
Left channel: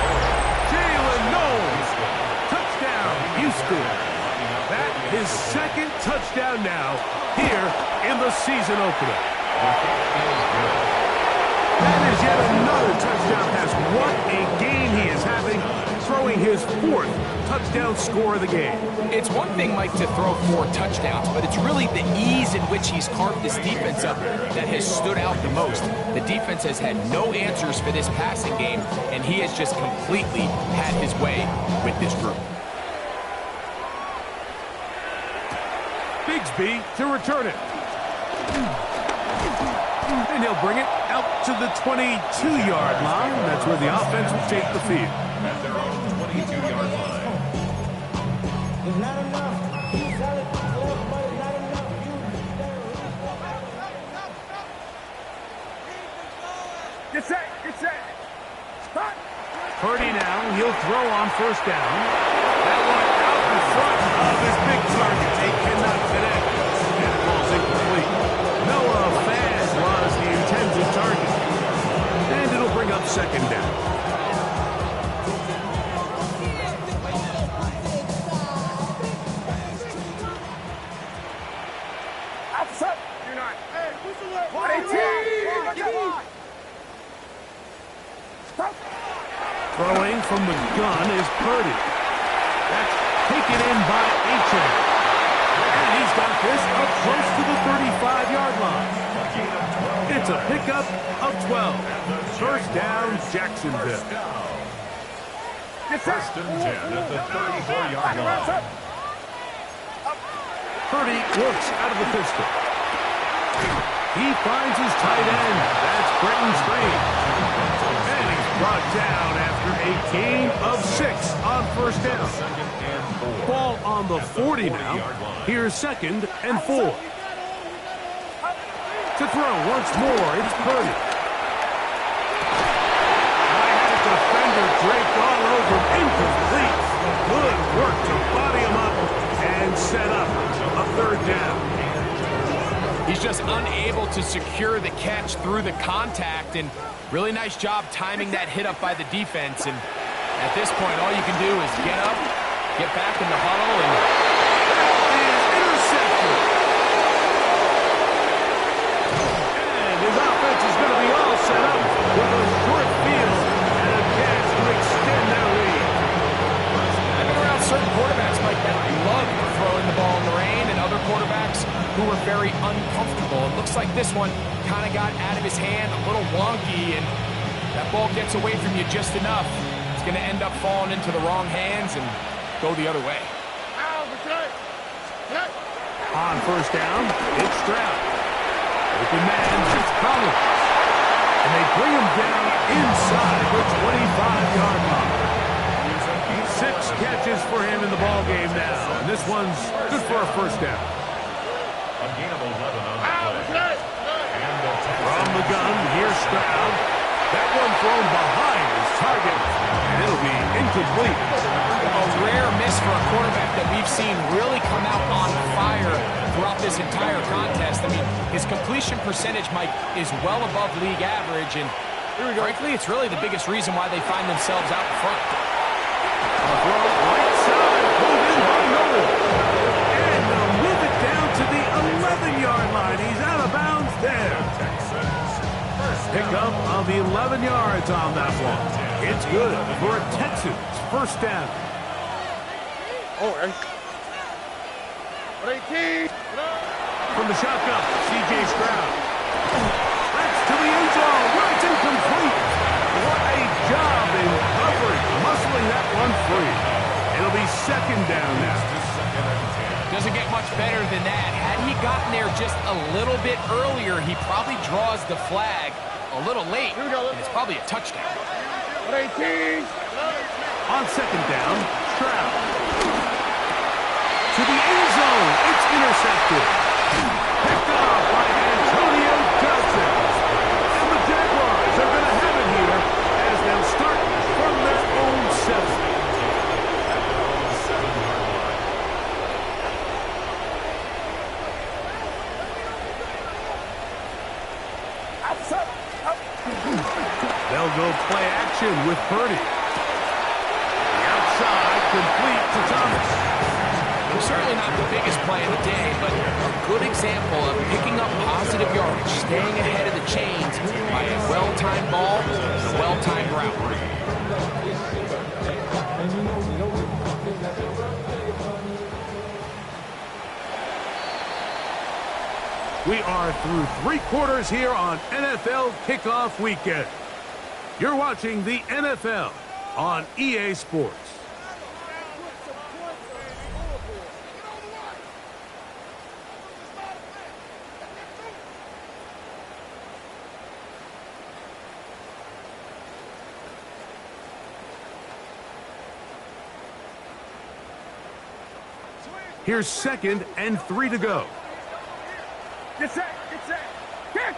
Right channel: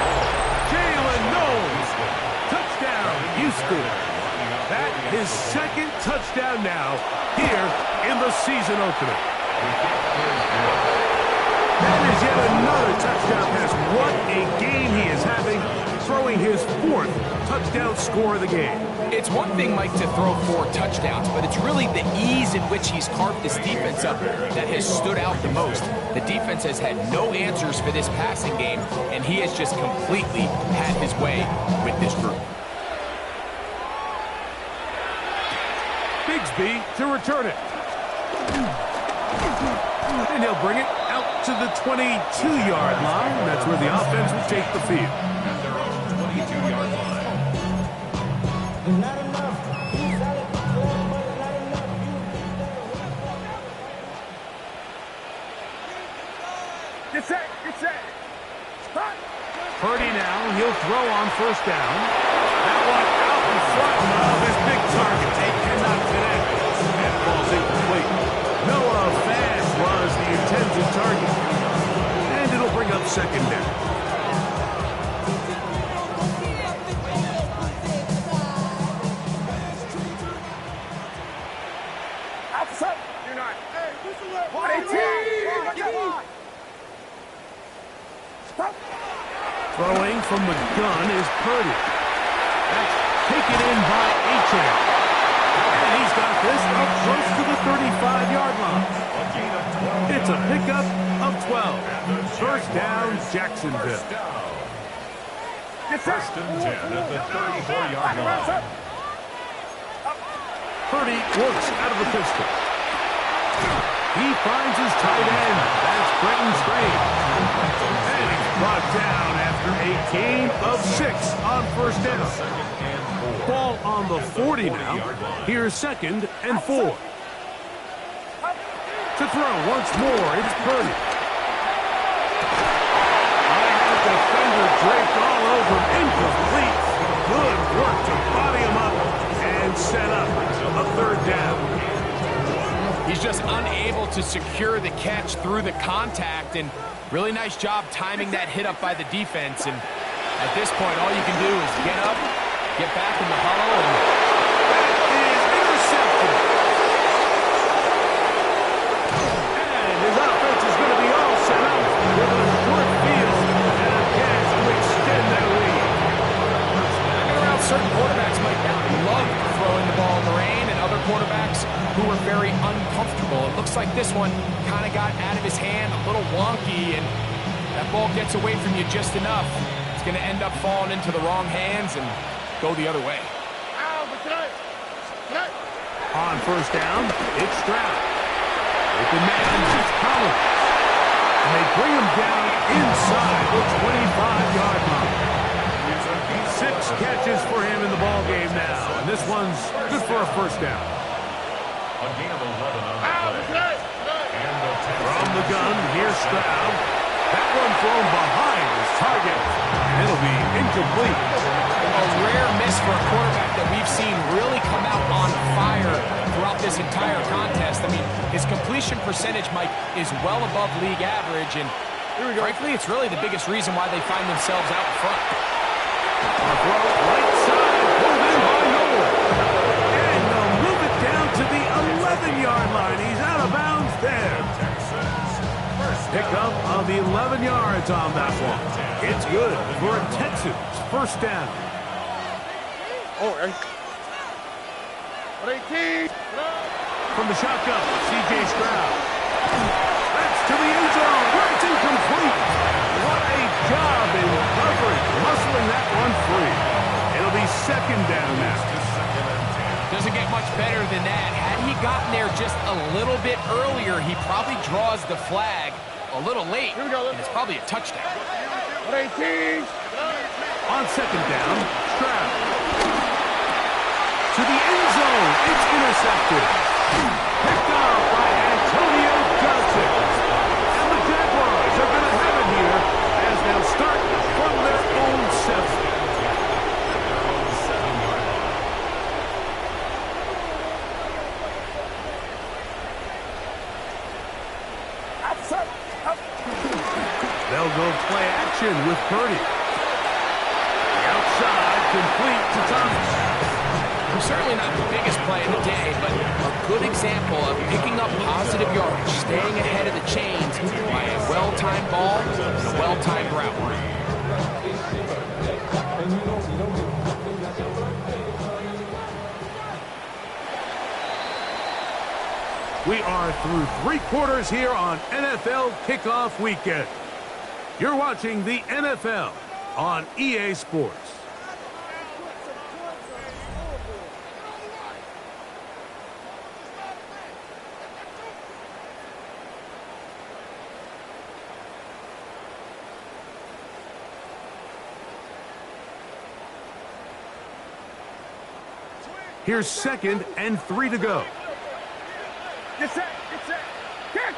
Jalen Knowles. Touchdown, Houston. That his second touchdown now here in the season opener. That is yet another touchdown pass. What a game he is having, throwing his fourth touchdown score of the game. It's one thing, Mike, to throw 4 touchdowns, but it's really the ease in which he's carved this defense up that has stood out the most. The defense has had no answers for this passing game, and he has just completely had his way with this group. Bigsby to return it. And he'll bring it out to the 22-yard line. That's where the offense will take the field. At their own 22-yard line. It's not enough. You solid, clever, but it's not enough. Get set, get set. Stop. Purdy now, he'll throw on first down. That one out in front of his big target. They cannot connect. And it falls incomplete. Noah Fant was the intended target. And it'll bring up second down. Outside. You're not. Hey, who's the left? 118. Stop. Throwing from the gun is Purdy. That's taken in by Achane. And he's got this up close to the 35-yard line. It's a pickup of 12. First down, Jacksonville. First and 10 at the 34-yard line. Purdy works out of the pistol. He finds his tight end. That's Brenton Strange. And he's brought down after a gain of 6 on first down. Ball on the 40 now. Here's second and 4. To throw once more, it's Purdy. I had a defender draped all over him. Incomplete. Good work to body him up and set up a third down. He's just unable to secure the catch through the contact, and really nice job timing that hit up by the defense. And at this point, all you can do is get up, get back in the huddle, and that is intercepted. And his offense is going to be all set up with a short field and a chance to extend their lead. I've been around certain quarterbacks, Mike, that love throwing the ball in the rain, and other quarterbacks who are very uncomfortable. It looks like this one kind of got out of his hand, a little wonky, and that ball gets away from you just enough. It's going to end up falling into the wrong hands and go the other way. On first down, it's Stroud. Open man, that's Collins. And they bring him down inside the 25-yard line. 6 catches for him in the ball game now. And this one's good for a first down. A gain of 11 on the play. From the gun, here's Stroud. That one thrown behind his target, and it'll be incomplete. A rare miss for a quarterback that we've seen really come out on fire throughout this entire contest. I mean, his completion percentage, Mike, is well above league average, and frankly, it's really the biggest reason why they find themselves out in front. A throw right side, pulled in by Noel. And they'll move it down to the 11-yard line. He's out of bounds there. Pickup of 11 yards on that one. It's good for a Texans first down. Oh, 18. From the shotgun, C.J. Stroud. That's to the end zone where it's incomplete. What a job in coverage, muscling that one free. It'll be second down now. Doesn't get much better than that. Had he gotten there just a little bit earlier, he probably draws the flag a little late, and it's probably a touchdown. 18. On second down, Stroud. To the end zone, it's intercepted. Picked off by Antonio Johnson. And the Jaguars are going to have it here as they'll start from their own 7. They'll go play action with Purdy. The outside, complete to Thomas. Certainly not the biggest play of the day, but a good example of picking up positive yardage, staying ahead of the chains by a well-timed ball and a well-timed route. We are through 3 quarters here on NFL Kickoff Weekend. You're watching the NFL on EA Sports. Here's 2nd and 3 to go. Get set, get set. Get.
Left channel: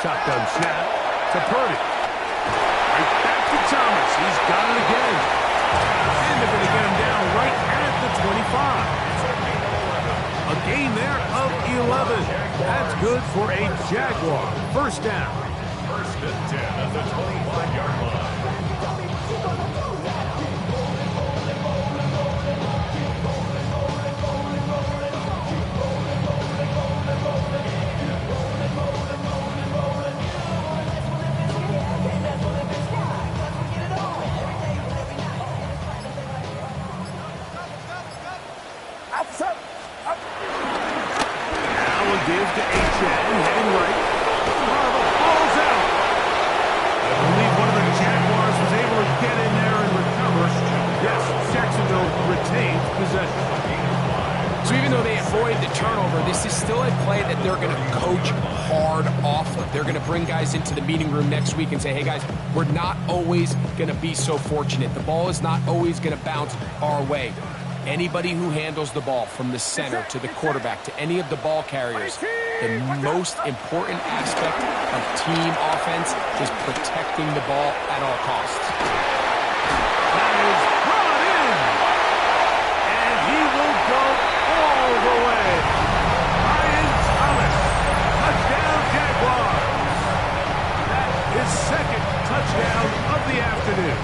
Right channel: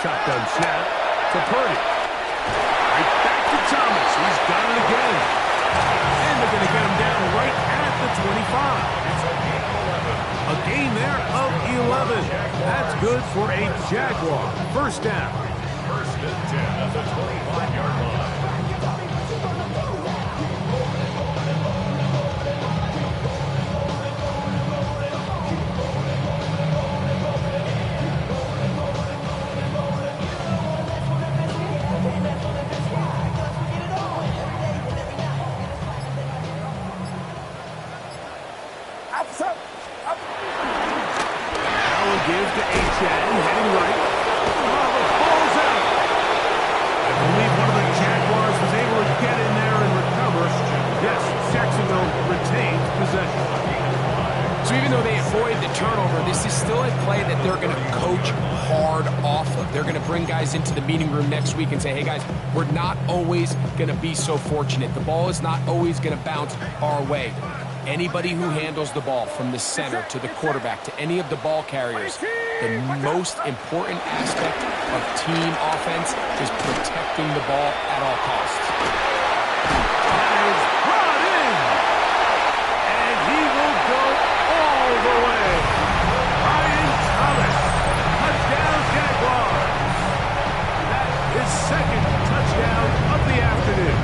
Shotgun snap to Purdy. Right back to Thomas. He's got it again. And they're going to get him down right at the 25. A gain there of 11. That's good for a Jaguar. First down. 1st and 10 at the 25-yard line. Now a give to H.N. heading right. Oh, the ball's out. I believe one of the Jaguars was able to get in there and recover. Yes, Jacksonville retained possession. So even though they avoid the turnover, this is still a play that they're going to coach hard off of. They're going to bring guys into the meeting room next week and say, hey, guys, we're not always going to be so fortunate. The ball is not always going to bounce our way. Anybody who handles the ball from the center to the quarterback to any of the ball carriers, the most important aspect of team offense is protecting the ball at all costs. That is brought in. And he will go all the way. Ryan Thomas, touchdown Jaguars. That is 2nd touchdown of the afternoon.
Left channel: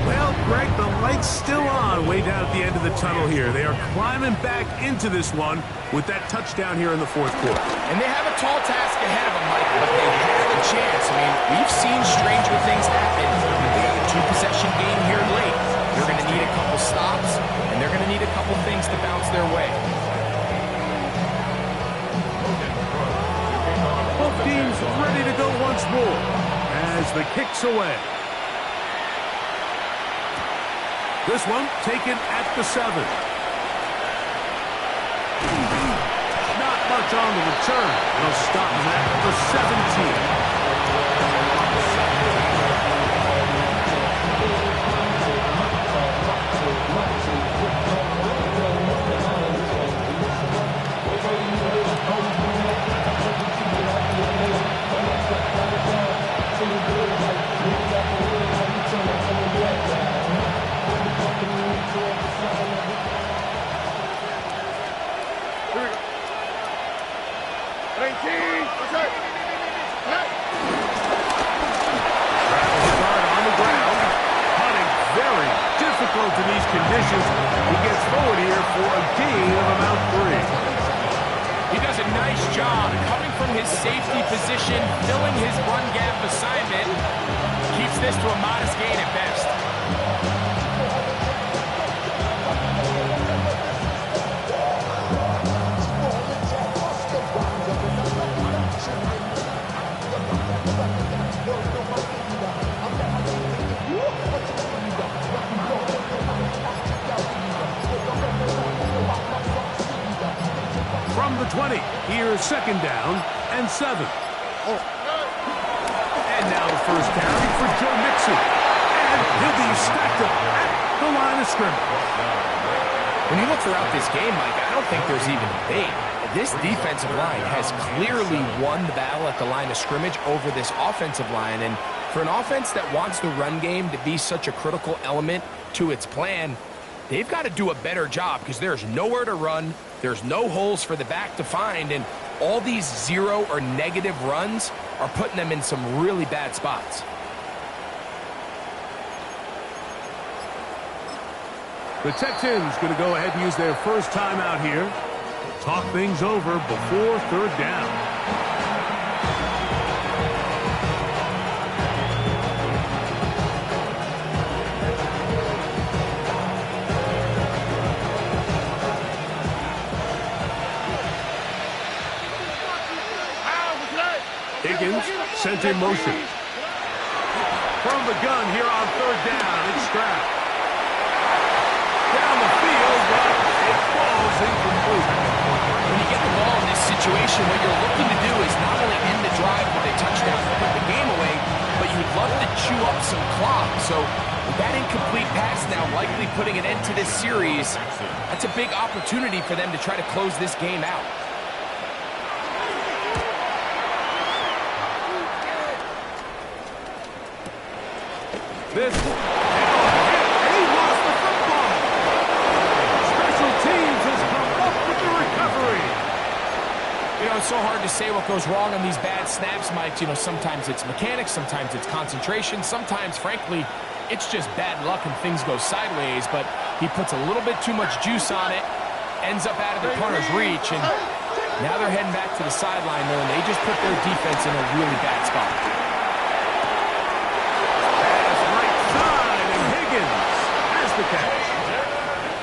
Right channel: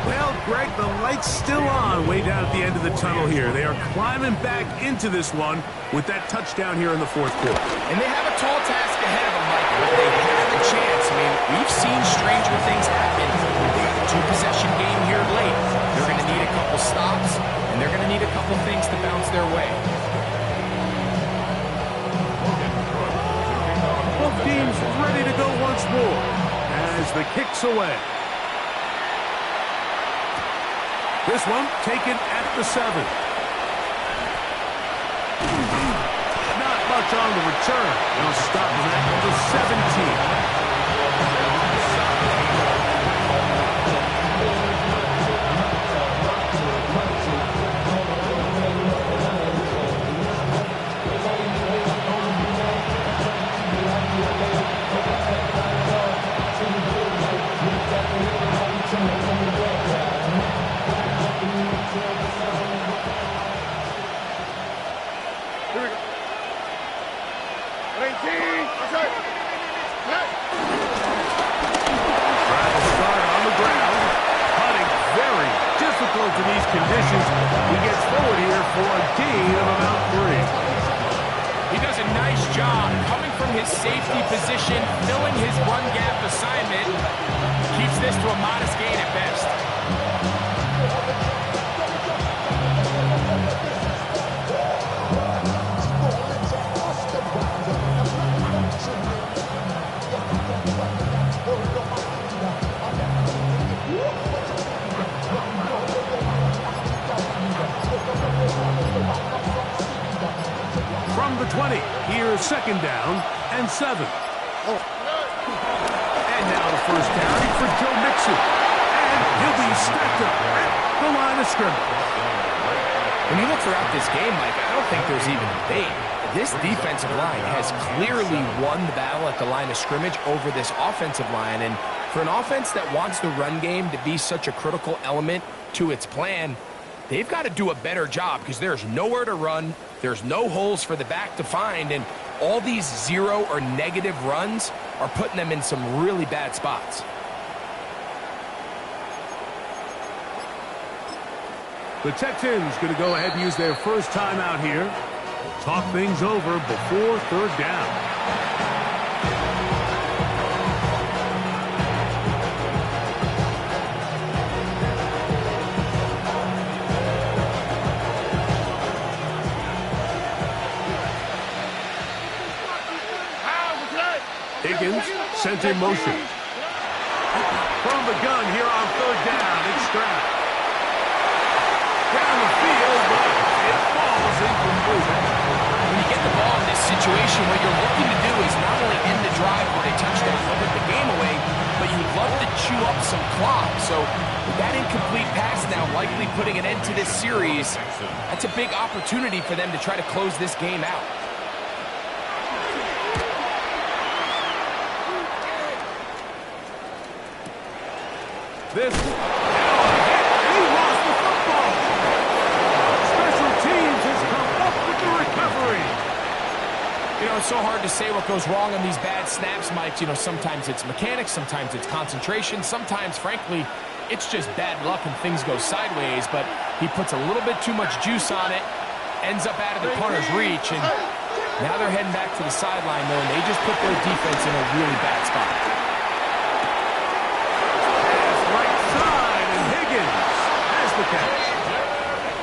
Well, Greg, the light's still on way down at the end of the tunnel here. They are climbing back into this one with that touchdown here in the 4th quarter. And they have a tall task ahead of them, Mike, but they have a chance. I mean, we've seen stranger things happen. They got a 2-possession game here late. They're going to need a couple stops, and they're going to need a couple things to bounce their way. Both teams ready to go once more as the kick's away. This one taken at the 7. Not much on the return. They'll stop him at the 17. Difficult in these conditions. He gets forward here for a gain of about 3. He does a nice job coming from his safety position, filling his run gap assignment. Keeps this to a modest gain at best. From the 20, here's 2nd down and 7. And now the first carry for Joe Mixon. And he'll be stacked up at the line of scrimmage. When you look throughout this game, Mike, I don't think there's even a debate. This defensive line has clearly won the battle at the line of scrimmage over this offensive line. And for an offense that wants the run game to be such a critical element to its plan, they've got to do a better job because there's nowhere to run. There's no holes for the back to find. And All these zero or negative runs are putting them in some really bad spots. The Texans going to go ahead and use their first timeout here. Talk things over before third down. Higgins sent in motion. From the gun here on third down, it's Stroud. Down the field, but it falls incomplete. When you get the ball in this situation, what you're looking to do is not only end the drive with a touchdown to put the game away, but you'd love to chew up some clock. So with that incomplete pass now likely putting an end to this series, that's a big opportunity for them to try to close this game out. This now a hit, and he lost the football. Special teams has come up with the recovery. You know, it's so hard to say what goes wrong on these bad snaps, Mike. You know, sometimes it's mechanics, sometimes it's concentration, sometimes, frankly, it's just bad luck and things go sideways, but he puts a little bit too much juice on it, ends up out of the punter's reach, and now they're heading back to the sideline, though, and they just put their defense in a really bad spot. Has the catch.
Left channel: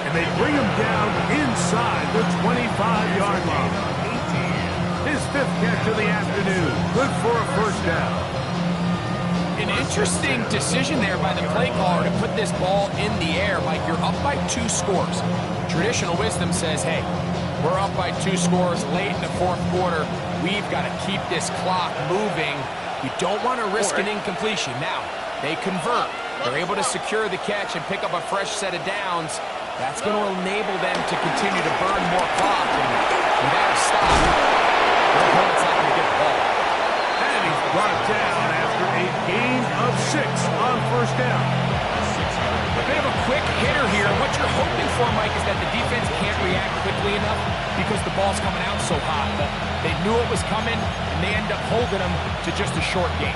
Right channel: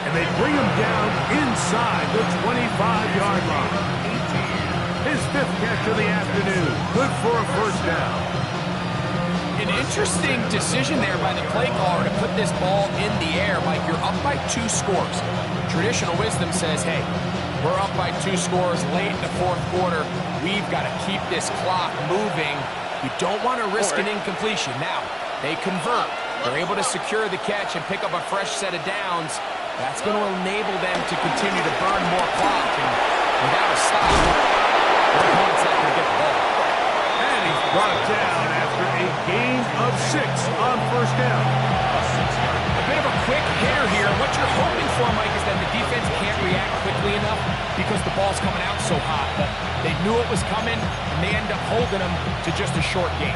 And they bring him down inside the 25-yard line. His fifth catch of the afternoon. Good for a first down. An interesting decision there by the play caller to put this ball in the air. Mike, you're up by 2 scores. Traditional wisdom says, hey, we're up by 2 scores late in the fourth quarter. We've got to keep this clock moving. You don't want to risk an incompletion. Now, they convert. They're able to secure the catch and pick up a fresh set of downs. That's going to enable them to continue to burn more clock. And without a stop, their opponent's not going to get the ball. And he's brought down after a gain of 6 on first down. A bit of a quick hitter here. What you're hoping for, Mike, is that the defense can't react quickly enough because the ball's coming out so hot. But they knew it was coming, and they end up holding them to just a short gain.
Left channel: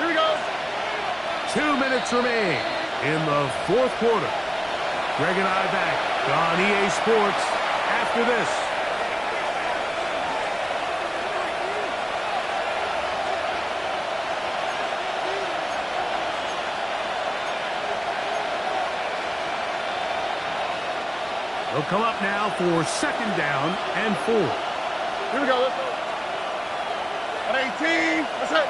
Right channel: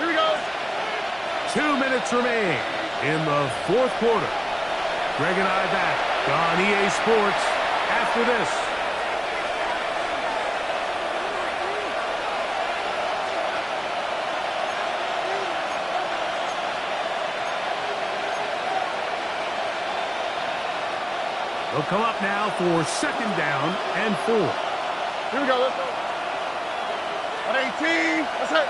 Here we go. 2 minutes remain in the fourth quarter. Greg and I back on EA Sports after this. They'll come up now for second down and 4. Here we go. Let's go. On 18. That's it.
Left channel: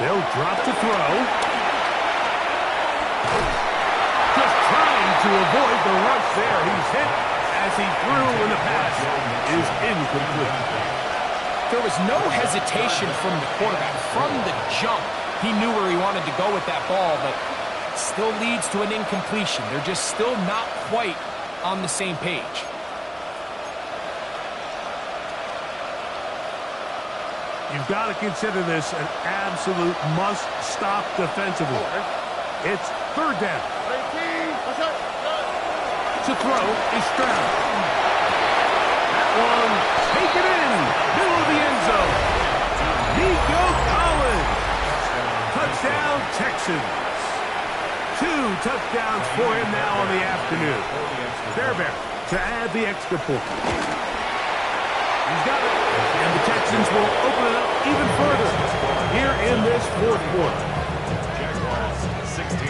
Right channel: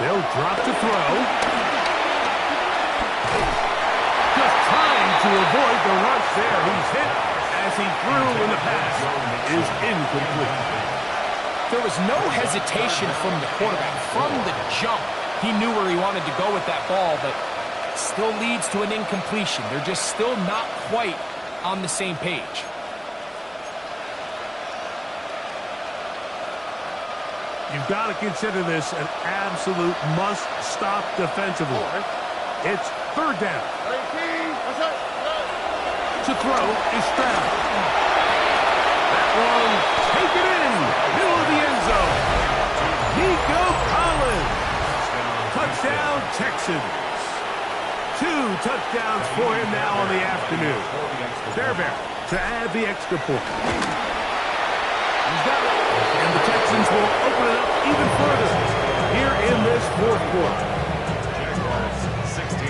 They'll drop to throw. Just trying to avoid the rush there. He's hit as he threw, and the pass is incomplete. There was no hesitation from the quarterback. From the jump, he knew where he wanted to go with that ball, but still leads to an incompletion. They're just still not quite on the same page. You've got to consider this an absolute must-stop defensively. It's third down. 18. That's it. To throw is Stroud. That one taken in, middle of the end zone. Nico Collins. Touchdown, Texans. 2 touchdowns for him now on the afternoon. Fairbairn to add the extra point. He's got it. And the Texans will open it up even further here in this fourth quarter. Jaguars 16.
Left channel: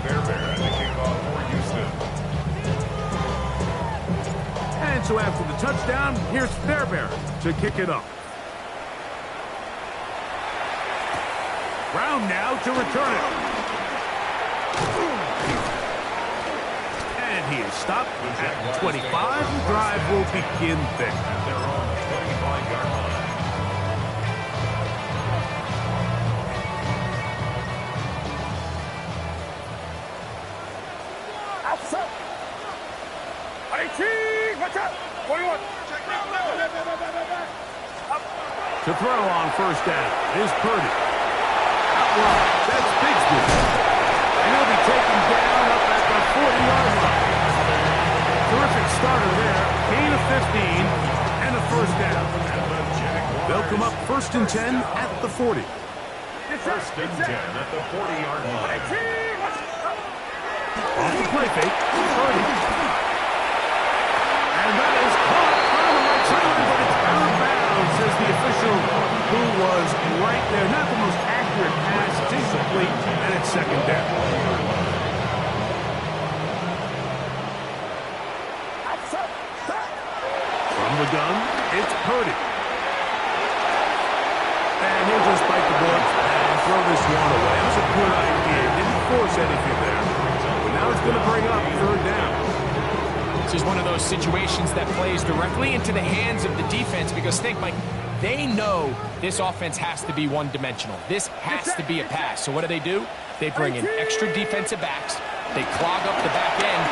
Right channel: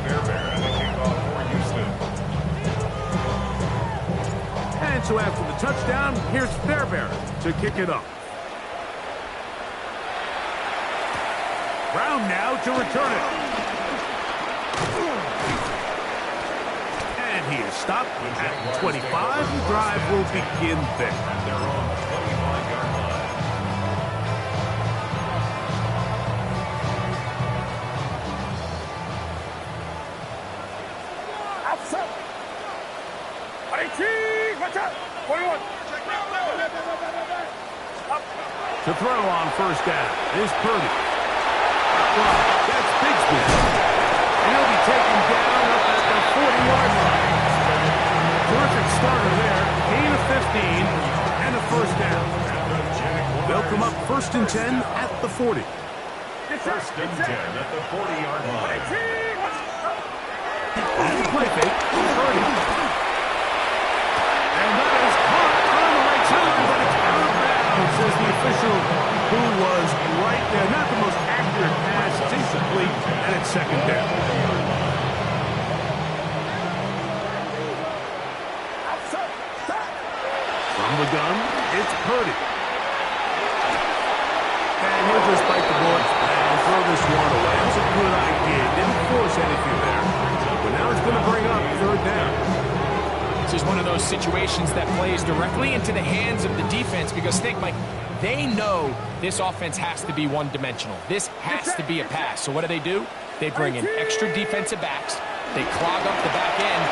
Fairbairn to kick off for Houston. And so after the touchdown, here's Fairbairn to kick it up. Brown now to return it. And he is stopped at 25. The drive will begin there. And they're on the 25-yard line. Watch out! 21. To throw on first down is Purdy. Out wide, that's Bigsby. And he'll be taken down up at the 40-yard line. Terrific starter there. Gain of 15 and a first down. They'll come up 1st and 10 at the 40. First and 10 at the 40-yard line. Off the play fake, Purdy. And that is caught on the right sideline, but it's out of bounds, says the official who was right there. Not the most accurate pass. It's incomplete, and it's 2nd down. From the gun, it's Purdy. And he'll just bite the bullet and throw this one away. It was a good idea. Didn't force anything there. But now it's going to bring up 3rd down. This is one of those situations that plays directly into the hands of the defense because, think, Mike, they know this offense has to be one-dimensional. This has to be a pass. So what do? They bring in extra defensive backs. They clog up the back end.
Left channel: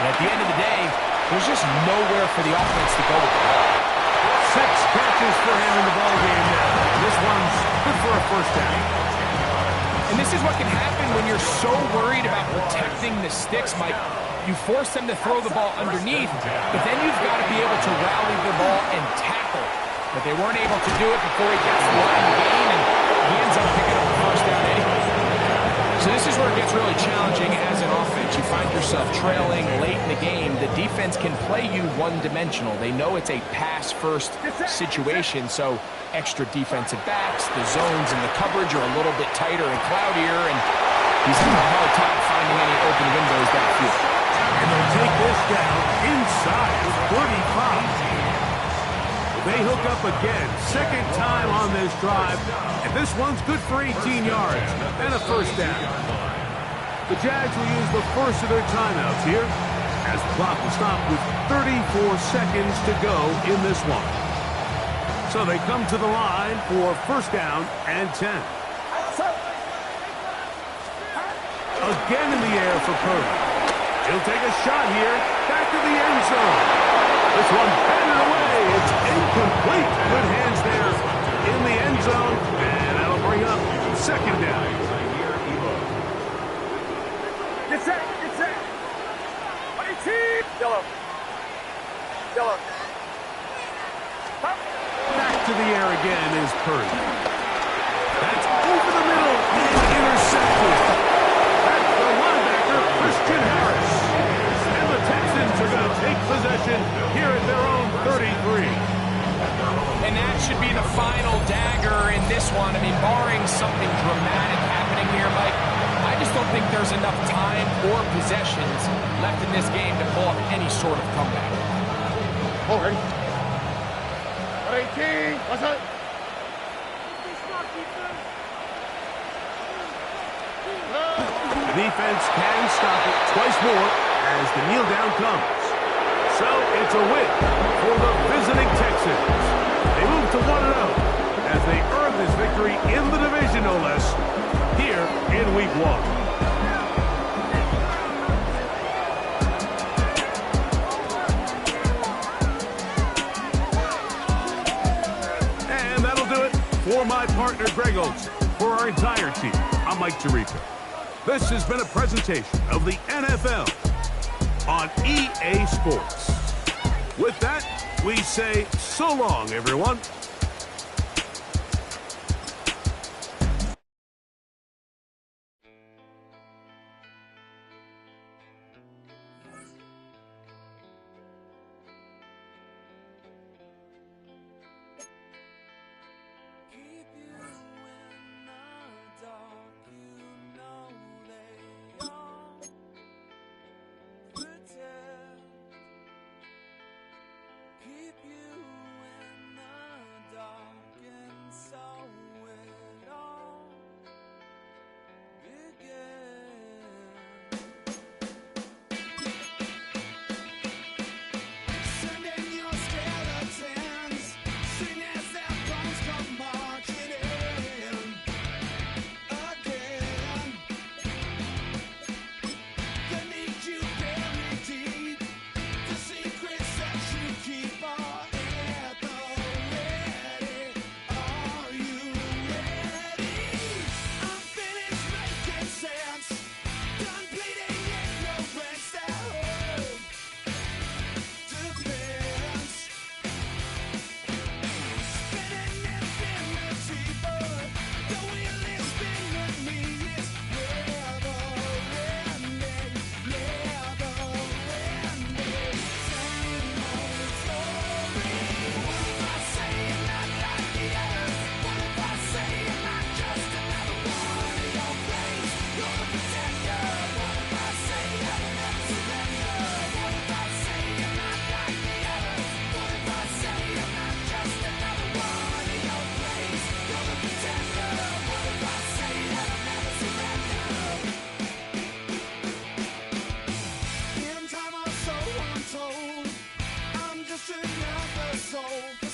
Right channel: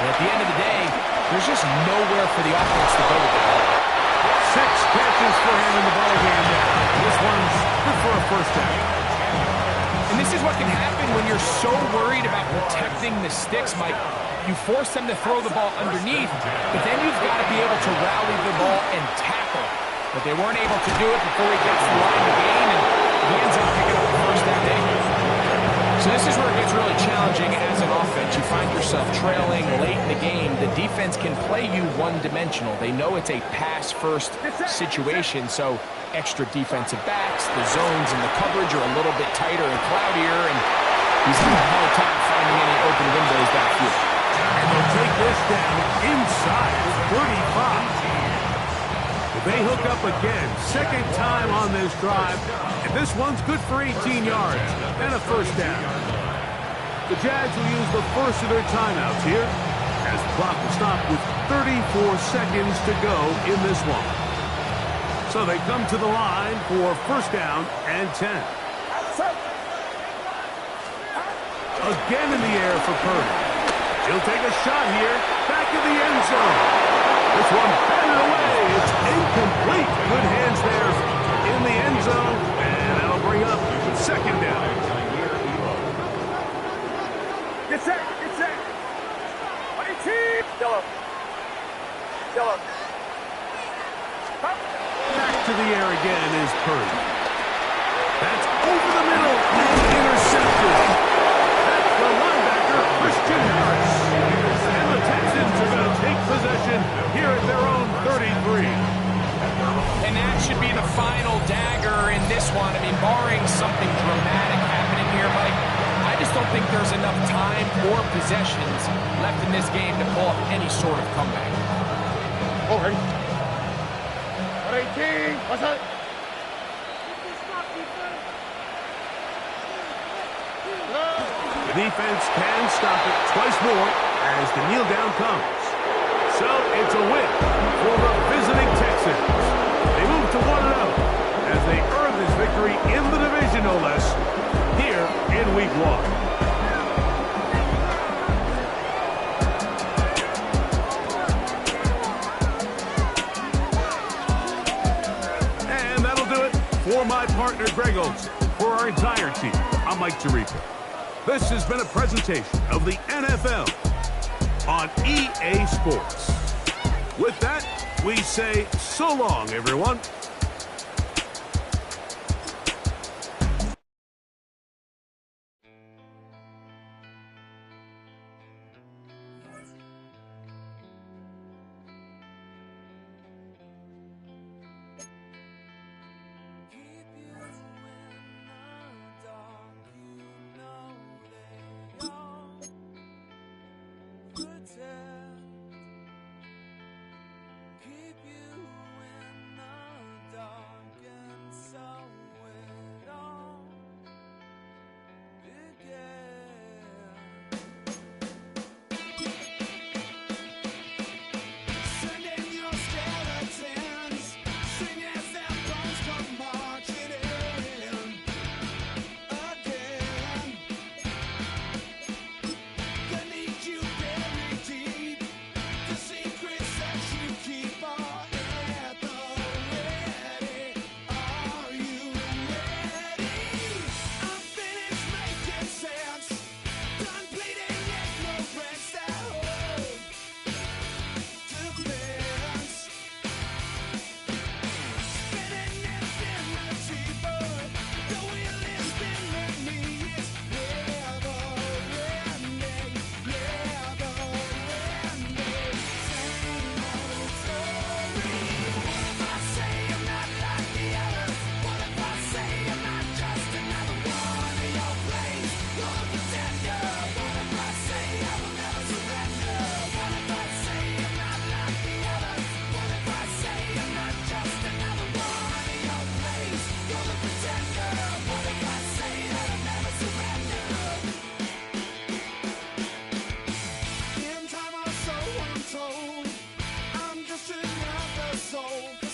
And at the end of the day, there's just nowhere for the offense to go with the ball. 6 catches for him in the ball game now. This one's good for a first down. And this is what can happen when you're so worried about protecting the sticks, Mike. You force them to throw the ball underneath, but then you've got to be able to rally the ball and tackle. But they weren't able to do it before he gets the line to gain, and he ends up picking up the first down anyway. So this is where it gets really challenging as an offense. You find yourself trailing late in the game. The defense can play you one-dimensional. They know it's a pass-first situation, so extra defensive backs, the zones and the coverage are a little bit tighter and cloudier, and he's having a hard time finding any open windows downfield. And they'll take this down inside of 35. They hook up again. 2nd time on this drive. And this one's good for 18 yards and a first down. The Jags will use the first of their timeouts here as the clock will stop with 34 seconds to go in this one. So they come to the line for 1st down and 10. Again in the air for Purdy. He'll take a shot here. Back of the end zone. This one batted away. It's incomplete. Good hands there in the end zone. And that'll bring up 2nd down. Get set. Get set. 18. Yellow. Yellow. Back to the air again is Purdy. That's over the middle and intercepted. That's the linebacker, Christian Harris. And the Texans are going to take possession here at their own 33. And that should be the final dagger in this one. I mean, barring something dramatic happening here, Mike, I just don't think there's enough time or possessions left in this game to pull off any sort of comeback. Oh, ready? 18. What's that? The defense can stop it twice more as the kneel down comes. So it's a win for the visiting Texans. They move to 1-0 as they earn this victory in the division, no less, here in Week 1. And that'll do it for my partner, Greg Olson. For our entire team, I'm Mike Tirico. This has been a presentation of the NFL on EA Sports. With that, we say so long, everyone. Keep you in the go.